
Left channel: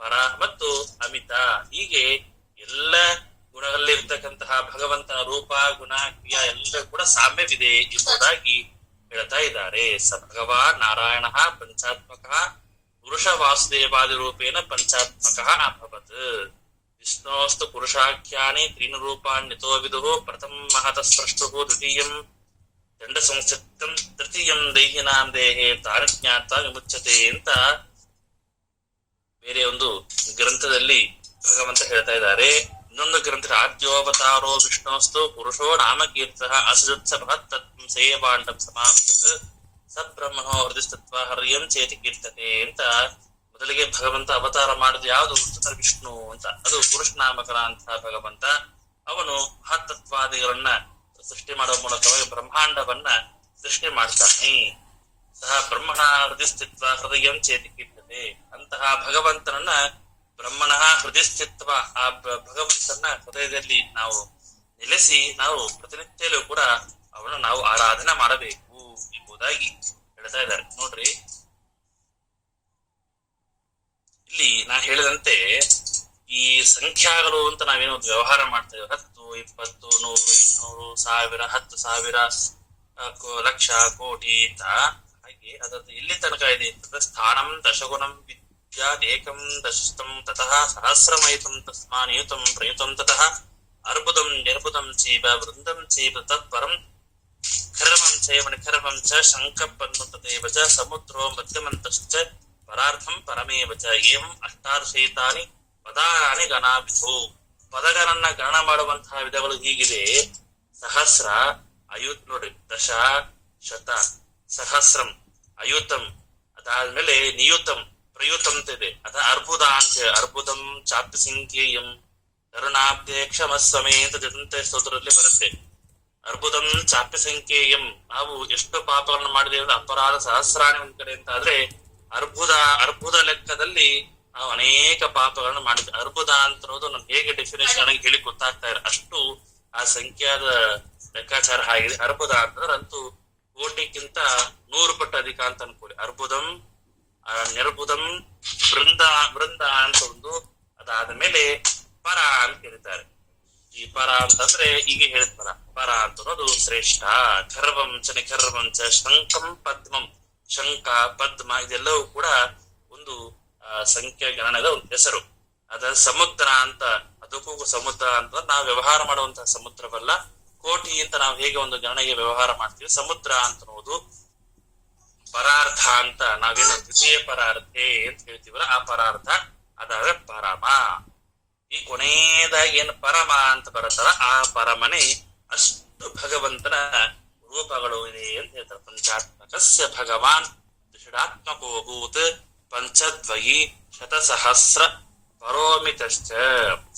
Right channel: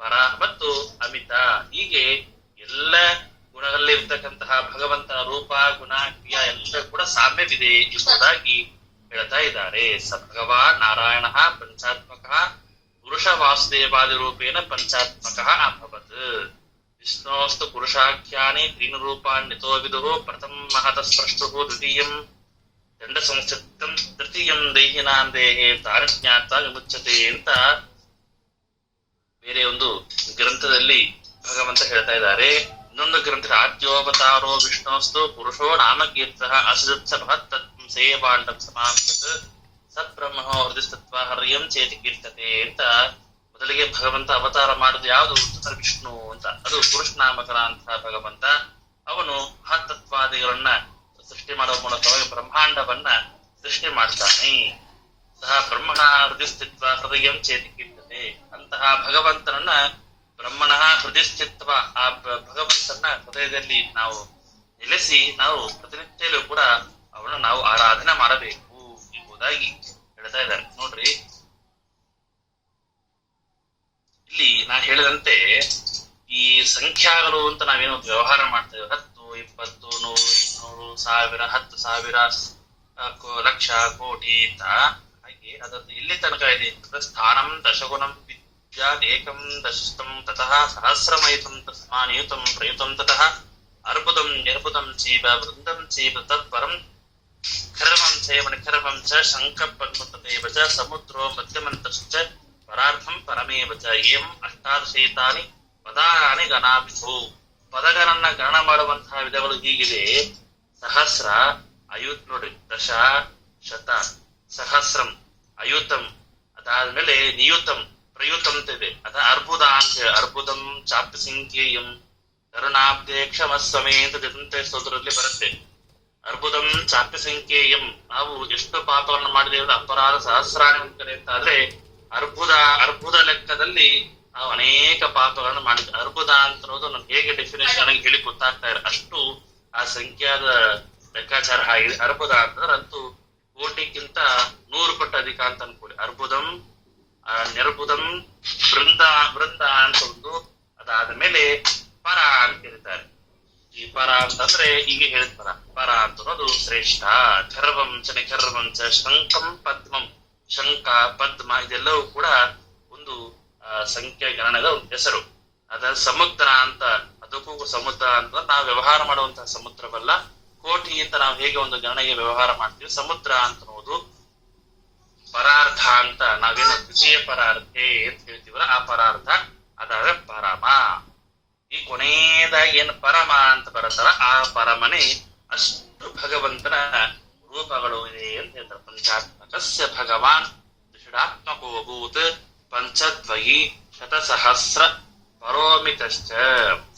ಪರ ಮತ್ತು ಅಮಿತ, ಹೀಗೆ ಎಲ್ಲ ಗುಣಗಳಲ್ಲಿ ಇರ್ತಕ್ಕಂತಹ ಭಗವಂತನ ರೂಪ, ಗುಣ, ಕ್ರಿಯಾ ಎಲ್ಲ ಕೂಡ ಸಾಮ್ಯವಿದೆ ಎಂಬುದಾಗಿ ಹೇಳ್ತಾ ಇದ್ದಾರೆ. ಸ ಭಗವಾನ್ ನಾರಾಯಣ ಪಂಚಾತ್ಮಕ ಪುರುಷ ವಾಸುದೇವಾದಿ ರೂಪೇಣ ಪಂಚಾತ್ಮಕ ಅಭವತ್. ವಿಷ್ಣೋಸ್ತು ಪುರುಷಾಖ್ಯಾನಿ 3 ರೂಪಾನ್ಯತೋ ವಿದುಃ. ಪ್ರಥಮ ಮಹತ ಸ್ಪೃಷ್ಟು, ದ್ವಿತೀಯಂ ದಂಡ ಸಂಸ್ಥಿತಂ, ತೃತೀಯಂ ದೈಹಿನಾಂ ದೇಹೇ ತಾರಜ್ಞಾತ ವಿಮುಚ್ಯತೆ ಅಂತ ಬೇರೆ ಒಂದು ಗ್ರಂಥದಲ್ಲಿ ಭಗವಂತ ಹೇಳ್ತಾ ಇದ್ದಾರೆ. ಇನ್ನೊಂದು ಗ್ರಂಥ, ಆದ್ಯೋವತಾರೋ ವಿಷ್ಣೋಸ್ತು ಪುರುಷೋ ನಾಮಕೀರ್ತ ಅಸಜತ್ಸ ಮಹತ್ತತ್ವ ಸೇವಾಂಡಂ ಸಮಾಪ್ತತ್ ಸಬ್ರಹ್ಮಣೋ ಹೃದಯಸ್ತತ್ವ ಹರ್ಯಂ ಚೇತಿ ಕೀರ್ತತೆ ಅಂತ. ಮೊದಲಿಗೆ ಭಗವಂತ ಅವತಾರ ಮಾಡುದು ಯಾವುದು, ವಿಷ್ಣು ಅಂತ. ಅದು ಪುರುಷನಾಮಕನಾಂತಹ ಭಗವಂತ. ಅವನು ಮಹತ್ತತ್ವಾದಿಗಳನ್ನ ಸೃಷ್ಟಿ ಮಾಡುವ ಮೂಲಕವಾಗಿ ಬ್ರಹ್ಮಾಂಡವನ್ನ ಸೃಷ್ಟಿ ಮಾಡ್ತಾನೆ. ಸಹ ಬ್ರಹ್ಮಣ ಹೃದಯಸ್ಥಿತ್ವ ಹೃದಯಂ ಚೇತಿ ಕೀರ್ತತೆ. ಅಂತಹ ಭಗವಂತನನ್ನ ಬ್ರಹ್ಮಣ ಹೃದಯಸ್ಥಿತ್ವ, ಆ ಭಗವಂತನ ಹೃದಯದಲ್ಲಿ ನಾವು ನೆಲೆಸಿ ನಾವು ಪ್ರತಿನಿತ್ಯಲ್ಲೂ ಕೂಡ ಅವನ ನಾವು ಆರಾಧನೆ ಮಾಡಬೇಕು ಎಂಬುದಾಗಿ ಹೇಳ್ತಾ ಇದ್ದಾರೆ. ನೋಡ್ರಿ, ಇಲ್ಲಿ ನಾನು ಹೇಳಿದಂತೆ ಈ ಸಂಖ್ಯಾಗಳು ಅಂತ ನಾವೇನೋ ವ್ಯವಹಾರ ಮಾಡ್ತೇವೆ, 10, 20, 100, 200, 1000, 10,000, ಲಕ್ಷ, ಕೋಟಿ ಅಂತ. ಹಾಗೆ ಅದನ್ನು ಎಲ್ಲಿ ತನಕ ಇದೆ ಅಂತಂದ್ರೆ ಸ್ಥಾನಂ ದಶಗುಣಂ ವಿದ್ಯಾದೇಕಂ ದಶಸ್ತಂ ತತಃ ಸಹಸ್ರಮಯಿತಂ ತಸ್ಮಾನಿಯುತಂ ಪ್ರಯುತಂ ತತಃ ಅರ್ಬುದಂ ನಿರ್ಬುದಂ ಚೀಬ ವೃಂದಂ ಚೀಬ ತತ್ಪರಂ ಖರ್ವಂ ಚೈವ ನಿಖರ್ವಂ ಚ ಶಂಖಪದ್ಮತದೇವ ಚ ಸಮುದ್ರೋ ಮಧ್ಯಮಂತಶ್ಚ ಪರಾರ್ಥಂ ಪರಮೇವ ಚ ಏಂ ಅಷ್ಟಾದಶೈತಾನಿ ಪದಾನಿ ಗಣಾಭಿಧೋ. ಪದಗಳನ್ನ ಗಣನ ಮಾಡುವಂತಹ ವಿಧಗಳು ಹೀಗಿದೆ: ಸಹಸ್ರ, ನೋಡ್ರಿ, ದಶ, ಶತ, ಸಹಸ್ರಂ, ಅಯುತಂ, ಅದಾದ್ಮೇಲೆ ನಿಯುತಂ, ಪ್ರಯುತಂ ಇದೆ. ಅದ ಅರ್ಬುದ ಅಂತ ಹೇಳಿ, ಅರ್ಬುದಂ ಚಾಪ್ಯ ಸಂಖ್ಯೇಯಂ ಕರುಣಾಬ್ಧೆ ಕ್ಷಮಸ್ವಮೇ ಅಂತ ಜದಂತೆ ಸ್ತೋತ್ರದಲ್ಲಿ ಬರುತ್ತೆ. ಅರ್ಬುದಂ ಚಾಪ್ಯ ಸಂಖ್ಯೇಯಂ, ನಾವು ಎಷ್ಟು ಪಾಪಗಳನ್ನು ಮಾಡಿದ್ದೇವೆ, ಅಪರಾಧ ಸಹಸ್ರಾಣಿ ಕಡೆ ಅಂತ ಆದ್ರೆ ಅರ್ಬುದ ಲೆಕ್ಕದಲ್ಲಿ ನಾವು ಅನೇಕ ಪಾಪಗಳನ್ನು ಮಾಡಿದ್ವಿ. ಅರ್ಬುದ ಅಂತ ಅನ್ನೋದು ನಮ್ಗೆ ಹೇಗೆ ಡೆಫಿನೇಷನ್ ಆಗಿ ಹೇಳಿ ಗೊತ್ತಾಗ್ತಾ ಇದೆ, ಅಷ್ಟು ಆ ಸಂಖ್ಯಾದ ಲೆಕ್ಕಾಚಾರ ಆಗಿದೆ. ಅರ್ಬುದ ಅಂತಂದ್ರೆ ಅಂತೂ ಕೋಟಿಗಿಂತ 100 ಪಟ್ಟು ಅಧಿಕ ಅಂತ ಅನ್ಕೊಳ್ಳಿ. ಅರ್ಬುದಂ, ನಿರ್ಬುದಂ, ವೃಂದ ಅಂತ ಒಂದು, ಅದಾದ್ಮೇಲೆ ಪರ ಅಂತ ಕರೀತಾರೆ. ಈ ಪರ ಅಂತಂದ್ರೆ ಈಗ ಹೇಳಿದ ಪರ ಅಂತ ಅನ್ನೋದು ಶ್ರೇಷ್ಠ. ಖರ್ವಂ ಚ ನಿಖರ್ವಂ ಚ ಶಂಖಂ ಪದ್ಮಂ, ಶಂಖ, ಪದ್ಮ ಇದೆಲ್ಲವೂ ಕೂಡ ಒಂದು ಸಂಖ್ಯೆ ಗಣನದ ಒಂದು ಹೆಸರು. ಅದ ಸಮುದ್ರ ಅಂತ, ಅದಕ್ಕೂ ಸಮುದ್ರ ಅಂತ ನಾವು ವ್ಯವಹಾರ ಮಾಡುವಂತಹ ಸಮುದ್ರವಲ್ಲ. ಕೋಟಿ ಅಂತ ನಾವು ಹೇಗೆ ಒಂದು ಗಣನೆಗೆ ವ್ಯವಹಾರ ಮಾಡ್ತೀವಿ, ಸಮುದ್ರ ಅಂತ ಅನ್ನೋದು ಪರಾರ್ಥ ಅಂತ ನಾವೇನು ದ್ವಿತೀಯ ಪರಾರ್ಥೆ ಅಂತ ಹೇಳ್ತೀವಲ್ಲ, ಆ ಪರಾರ್ಥ ಅದಾದ್ರೆ ಪರಮ. ಈ ಕೊನೆಯದಾಗಿ ಏನು ಪರಮ ಅಂತ ಬರುತ್ತಲ್ಲ, ಆ ಪರಮನೆ ಅಷ್ಟು ಭಗವಂತನ ರೂಪಗಳು ಇದೆ ಅಂತ ಹೇಳ್ತಾರೆ. ಪಂಚಾತ್ಮಕಸ್ಯ ಭಗವಾನ್ ಷಡಾತ್ಮಕೋ ಭೂತ್ ಪಂಚದ್ವಯಿ ಶತಸಹಸ್ರ ಪರೋಮಿತಶ್ಚ.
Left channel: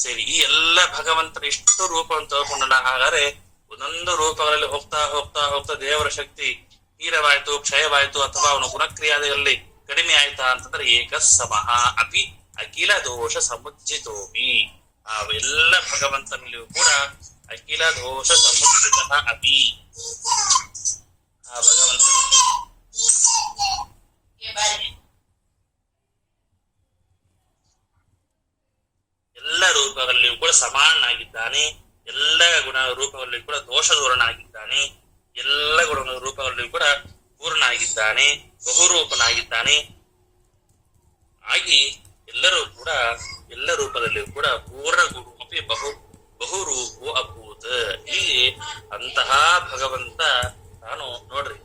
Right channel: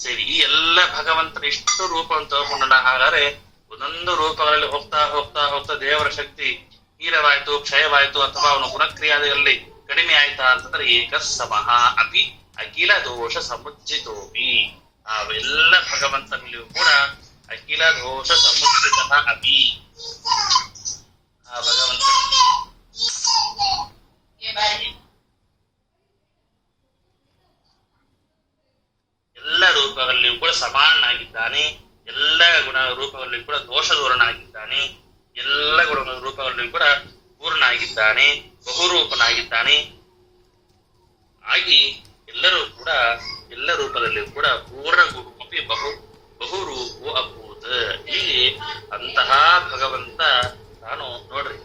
ಸರಿ, ಈ ಎಲ್ಲ ಭಗವಂತನ ಇಷ್ಟು ರೂಪವನ್ನು ತಗೊಂಡಲ್ಲ. ಹಾಗಾದ್ರೆ ಒಂದೊಂದು ರೂಪಗಳಲ್ಲಿ ಹೋಗ್ತಾ ಹೋಗ್ತಾ ಹೋಗ್ತಾ ದೇವರ ಶಕ್ತಿ ಹೀರವಾಯ್ತು, ಕ್ಷಯವಾಯ್ತು, ಅಥವಾ ಅವನ ಗುಣಕ್ರಿಯಾದಲ್ಲಿ ಕಡಿಮೆ ಆಯ್ತಾ ಅಂತಂದ್ರೆ ಏಕಸಮಃ ಅಪಿ ಅಖಿಲ ದೋಷ ಸಮುಜ್ಜಿತೋಪಿ. ಅವೆಲ್ಲ ಭಗವಂತನಲ್ಲಿಯೂ ಕೂಡ ಅಖಿಲ ದೋಷ ಸಮುಜ್ಜಿತ ಅಪಿ. ಆ ಭಗವಂತ ಎಲ್ಲ ರೂಪಗಳಲ್ಲಿಯೂ ಕೂಡ ಸಮಾನನಾಗಿದ್ದಾನೆ. ಎಲ್ಲ ಗುಣ ರೂಪಗಳಲ್ಲಿಯೂ ಕೂಡ ದೋಷ ದೂರನಾಗಿದ್ದಾನೆ. ಎಲ್ಲ ಗುಣ ರೂಪಗಳಲ್ಲಿಯೂ ಕೂಡ ಪೂರ್ಣ ಆಗಿದ್ದಾನೆ, ಬಹುರೂಪನಾಗಿದ್ದಾನೆ. ಆಗಿ ಎಲ್ಲರೂ ಕೂಡ ಎಲ್ಲ ರೂಪದಲ್ಲಿಯೂ ಕೂಡ ಪೂರ್ಣ ಗುರುಪಿ ಬಹುರೂಪೋ ಅಭೂತ. ಇಲ್ಲಿ ಅಂತಹ ಭಗವಂತ ತಾನು ನೋಡ್ರಿ,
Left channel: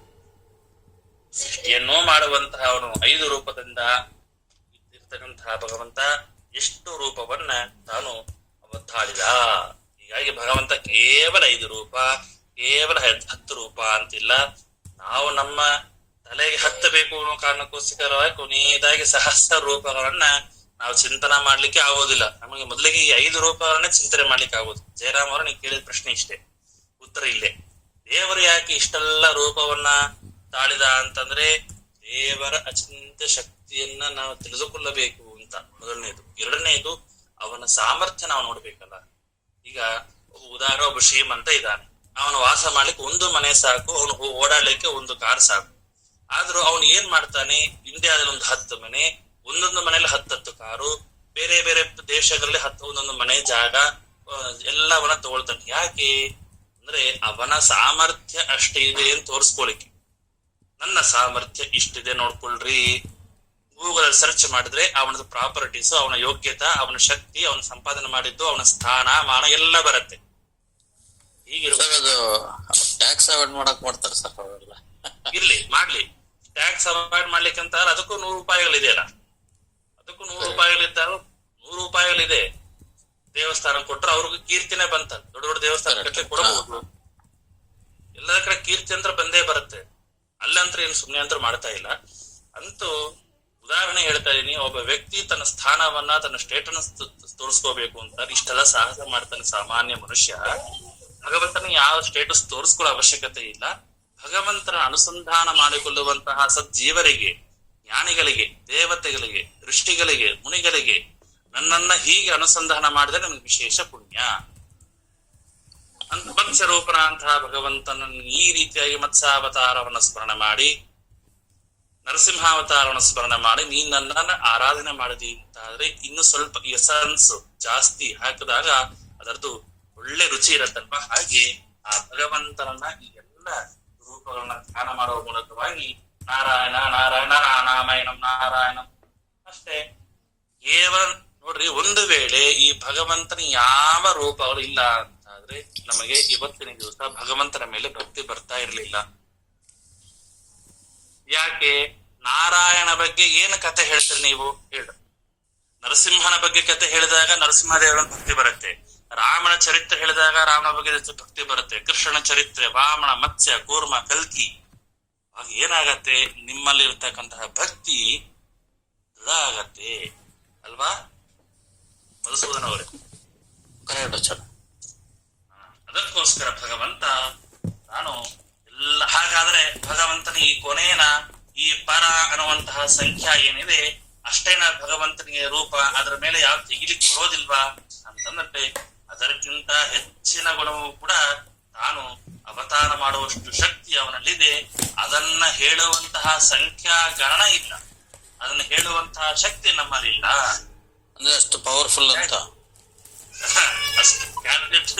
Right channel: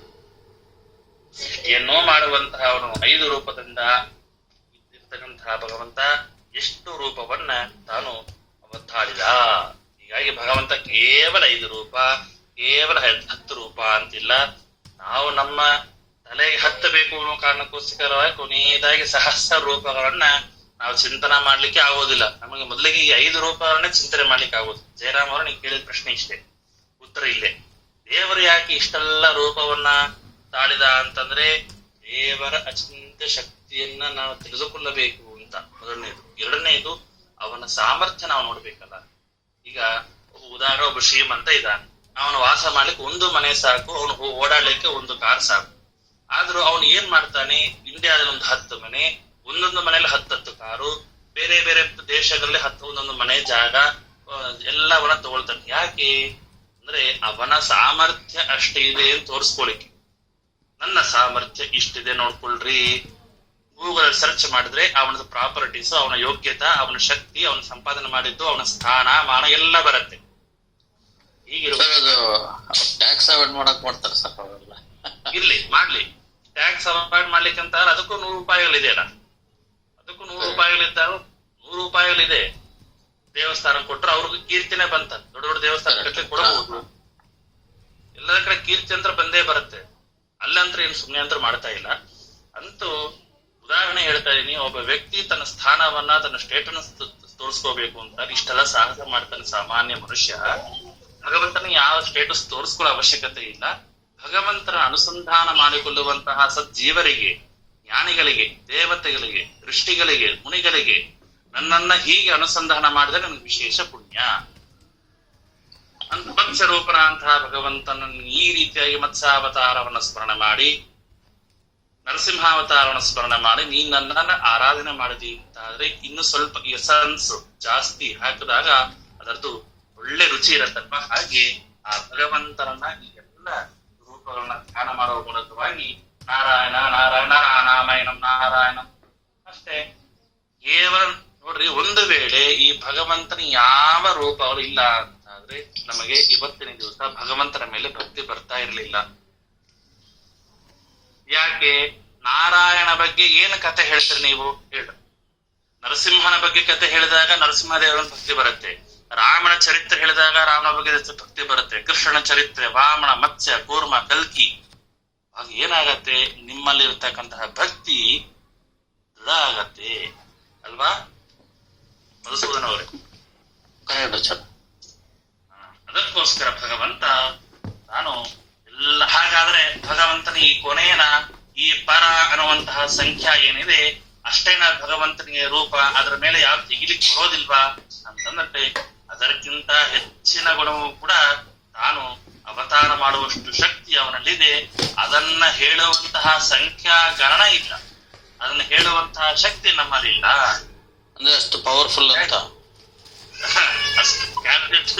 ಸೃಷ್ಟಿಯನ್ನೋ ಮಾಡುವಂತಹ ಅವನು 5 ರೂಪದಿಂದ ಇರ್ತಕ್ಕಂತಹ ಭಗವಂತ ಎಷ್ಟು ರೂಪವನ್ನ ತಾನು ಅವತಾಳಿದ. ಹೀಗಾಗಿ ಭಗವಂತ ಕೇವಲ 5 ರೂಪ, ಕೇವಲ 10 ರೂಪ ಅಂತಿಲ್ಲ. ನಾವು ನಮ್ಮ ತಲೆಗೆ ಹತ್ತಬೇಕು ಅನ್ನೋ ಕಾರಣಕ್ಕೋಸ್ಕರ ಕೊನೆಯದಾಗಿ ಸಹಸ್ರ ರೂಪಗಳನ್ನ ನಾವು ಚಿಂತನೆ ಮಾಡ್ಲಿಕ್ಕೆ ಆಗೋದಿಲ್ಲ. ನಮಗೆ ಮೊದಲಿಗೆ ಈ 5 ರೂಪಗಳನ್ನೇ ಚಿಂತನೆ ಮಾಡ್ಲಿಕ್ಕೆ ಆಗೋದು. ಜಯರಾಮ್ ಅವರು ನೀವು ಕೇಳಿದ ಪ್ರಶ್ನೆ ಇಷ್ಟೇ, ಉತ್ತರ ಇಲ್ಲೇ. ದೇವರು ಯಾಕೆ ಇಷ್ಟೆಲ್ಲ ರೂಪವನ್ನ ತಾಳಿದ ಅಂತಂದ್ರೆ ದೇವರ ಅಚಿಂತ್ಯ ಶಕ್ತಿಯನ್ನ ನಾವು ತಿಳಿದುಕೊಳ್ಳಬೇಕು ಅಂತ ಮೊದಲನೇದು. ಎರಡನೇದು ಅವನ ಸಾಮರ್ಥ್ಯ ನಾವು ನೋಡ್ಬೇಕಲ್ಲ. ಈಗ ಉದಾಹರಣೆ, ಒಬ್ಬ ಶ್ರೀಮಂತ ಇದ್ದಾನೆ, ಅವನು ವಾಸ ಮಾಡ್ಲಿಕ್ಕೆ ಒಂದು ಮನೆ ಸಾಕು, ಅವನು ಓಡಾಡ್ಲಿಕ್ಕೆ ಒಂದು ಕಾರ್ ಸಾಕು. ಆದ್ರೂ ಅವನು ಏನ್ ಮಾಡ್ತಾನೆ, ಇಂಡಿಯಾದಲ್ಲಿ ಒಂದು 10 ಮನೆ, ಒಂದೊಂದು ಮನೇಲಿ 10 ಕಾರು, ಬೇರೆ ಬೇರೆ ದೇಶಗಳಲ್ಲಿ 10 ಒಂದೊಂದು ಮನೆ ಜಾಗ ಎಲ್ಲವನ್ನ ತಗೊಳ್ತಾನೆ. ಯಾಕೆ ಅಂದ್ರೆ ಅವನ ಸಾಮರ್ಥ್ಯ ಅಷ್ಟೇ ಇದೆ ಅಂತ ತೋರಿಸ್ಕೊಳಿಕ್ಕೆ. ನನ್ನ ಸಾಮರ್ಥ್ಯ ಇಷ್ಟಿದೆ ನೋಡ್ಕೊಳ್ರಿ, ಗೂಗಲ್ ಸರ್ಚ್ ಮಾಡಿದ್ರೆ ಅವನದು ಪ್ರಾಪರ್ಟೀಸ್, ಅವನ ಯೋಗ್ಯತೆ, ಅವನ ಶಕ್ತಿ, ಅವನ ಸಂಪಾದನೆ ಮಾಡಿದ್ದು, ಅವನ ಸ್ಥಾನ ಮಾನ ಎಲ್ಲ ಬರುತ್ತೆ. ಹೀಗಿರುವ ಟ್ಯಾಕ್ಸ್ ಅವಾಯ್ಡ್ ಮಾಡಕ್ ಮಾಡ್ತಾರೆ ಸರ್ ಅವೆಲ್ಲ. ಇರ್ಲಿ ಮಾಡ್ಲಿ, ಟ್ಯಾಕ್ಸ್ ಅವಾಯ್ಡ್ ಮಾಡ್ಲಿಕ್ಕೆ ಅಂತ ಅದಕ್ಕೂ 100 ರೂಪಾಯಿಗಳಿದೆಯಲ್ಲ, ಅದಕ್ಕೂ 100 ರೂಪಾಯಿಗಳಿದ್ದಾಗ 100 ರೂಪಾಯಿಗಳಿದೆ. ದೇವಸ್ಥಾನ ಕೊಟ್ರೆ ಅವ್ರಿಗೆ ಕೀರ್ತಿನೇ ಬಂತ. ದೊಡ್ಡ ದೊಡ್ಡ ದೇವಸ್ಥಾನ ಕಟ್ಟಲಿಕ್ಕೆ ಕೊಡಬಹುದು. ಎಲ್ಲರ ಕಡೆ ಕೀರ್ತಿ ಅಂತ ಬಂದೇ ಬರುತ್ತೆ. ಅಲ್ಲಂತ್ರ ಏನು ಸುಮ್ಮನೆ ಅಂತ ಮಾಡ್ತಾ ಇಲ್ಲ. ಅಂತೂ ಉದಾಹರಣೆ ಹೇಳ್ತಾ ಇದೀನಿ, ಒಬ್ಬ ವ್ಯಕ್ತಿ ತನ್ನ ಸ್ಥಾನವನ್ನ, ತನ್ನ ಸ್ಟೇಟಸ್ ತೋರಿಸ್ಕೋಬೇಕು ಅಂತ ಇಷ್ಟೆಲ್ಲ ಸಾಹಸ ಮಾಡ್ತಾನೆ ಸಾಮಾನ್ಯ ಮನುಷ್ಯ. ಭಗವಂತನ ಯಾವ ಸ್ಟೇಟಸ್ ತೋರಿಸ್ಕೊಳ್ಳೋ ಅವಶ್ಯಕತೆ ಇಲ್ಲ. ಭಗವಂತನ ಅನುಸಂಧಾನ ಮಾಡಿಕೊಳ್ಳುವಂತಹ ಸಜ್ಜೀವರಿಗೆ, ಜ್ಞಾನಿಗಳಿಗೆ, ದೇವತೆಗಳಿಗೆ, ಋಷಿಗಳಿಗೆ, ಮುನಿಗಳಿಗೆ ನನ್ನನ್ನ ಹೀಗೆ ಅನುಸಂಧಾನ ಮಾಡಿದ್ರೆ ನನಗೆ ವಿಶೇಷ ಪುಣ್ಯ. ಅಂತ ಮತ್ಸ್ಯರೂಪನಾಂತಹ ಭಗವಂತನನ್ನು ಈ ರೀತಿಯಾಗಿ ಮತ್ಸ್ಯಾವತಾರವನ್ನು ಸ್ಮರಣೆ ಮಾಡಿ, ನರಸಿಂಹಾವತಾರವನ್ನು ಸ್ಮರಣೆ ಮಾಡಿ ನೀನ್ ನನ್ನನ್ನು ಆರಾಧನೆ ಮಾಡಿದಿ ಅಂತಾದ್ರೆ ಇನ್ನು ಸ್ವಲ್ಪ ಎಸನ್ಸ್ ಜಾಸ್ತಿ ಹಾಕಿದಾಗ ಅದರದ್ದು ಒಳ್ಳೆ ರುಚಿ ಇರತ್ತಲ್ವ. ಹಾಗೆ ಆ ಭಗವಂತನನ್ನ ಈ ಎಲ್ಲ ರೂಪಗಳನ್ನ ಧ್ಯಾನ ಮಾಡುವ ಮೂಲಕವಾಗಿ ನಾರಾಯಣ ನಾರಾಯಣ ನಾರಾಯಣಂ ನಾರಾಯಣಂ ಅಷ್ಟೇ. ಕೇವಲ ನೋಡ್ರಿ, ಒಂದು ವೇಳೆ ಈ ಭಗವಂತನ ಯಾವ ರೂಪಗಳು ಇಲ್ಲ ಅಂತಾದ್ರೆ ನಮಗೆ ಇವತ್ತಿನ ದಿವಸ ಭಗವಂತನ ಮೇಲೆ ಭಕ್ತಿ ಬರ್ತಾ ಇರ್ಲಿಲ್ಲ. ಯಾಕೆ? ನಾರಾಯಣ ಬಗ್ಗೆ ಏನು ಕತೆ ಹೇಳ್ತೀರಿ ನೀವು ಹೇಳ. ನರಸಿಂಹನ ಬಗ್ಗೆ ಕತೆ ಹೇಳಿದಾಗ ನರಸಿಂಹದೇವನ ಭಕ್ತಿ ಬರುತ್ತೆ, ರಾಮನ ಚರಿತ್ರೆ ಹೇಳಿದಾಗ ರಾಮನ ಬಗ್ಗೆ ಭಕ್ತಿ ಬರುತ್ತೆ, ಕೃಷ್ಣನ ಚರಿತ್ರೆ, ವಾಮನ, ಮತ್ಸ್ಯ, ಕೂರ್ಮ, ಕಲ್ಕಿ. ಆಗ ಏನಾಗತ್ತೆ? ನಿಮ್ಮಲ್ಲಿ ಇರ್ತಕ್ಕಂತಹ ಭಕ್ತಿ ದೃಢ ಆಗತ್ತೆ ಅಲ್ವಾ ಮಧುಸೂದನ್ ಅವರೇ? ಅದಕ್ಕೋಸ್ಕರ ಭಗವಂತ ನಾನು ಎಲ್ಲ, ಹಾಗಾದ್ರೆ ಭಗವಂತನ ಈ ಕೊನೆಯನ ಈ ಪರ ಅನ್ನುವಂತಹ ಸಂಖ್ಯಾ ಏನಿದೆ ಅಷ್ಟೇನ ಭಗವಂತನಿಗೆ ರೂಪ, ಅದರ ಮೇಲೆ ಯಾವ ತೆಗಿಲಿಕ್ಕೆ ಬರೋದಿಲ್ವಾ ಅಂತಂದ್ರೆ ಅದಕ್ಕಿಂತ ಹೆಚ್ಚಿನ ಗುಣವೂ ಕೂಡ ತಾನು ಅವತಾರ ಮಾಡುವಷ್ಟು ಶಕ್ತಿ ಅವನಲ್ಲಿದೆ. ಅದನ್ನ ಹೇಳುವಂತಹ ಸಂಖ್ಯಾ ಗಣನ ಇಲ್ಲ, ಅದನ್ನ ಹೇಳುವಂತಹ ಶಕ್ತಿ ನಮ್ಮಲ್ಲಿಲ್ಲ. ಅಂದ್ರೆ ಅಷ್ಟು ಪವರ್ಫುಲ್ ಅಂತ ಅಷ್ಟು ಕ್ಯಾಲ್ಕುಲೇಟಿವ್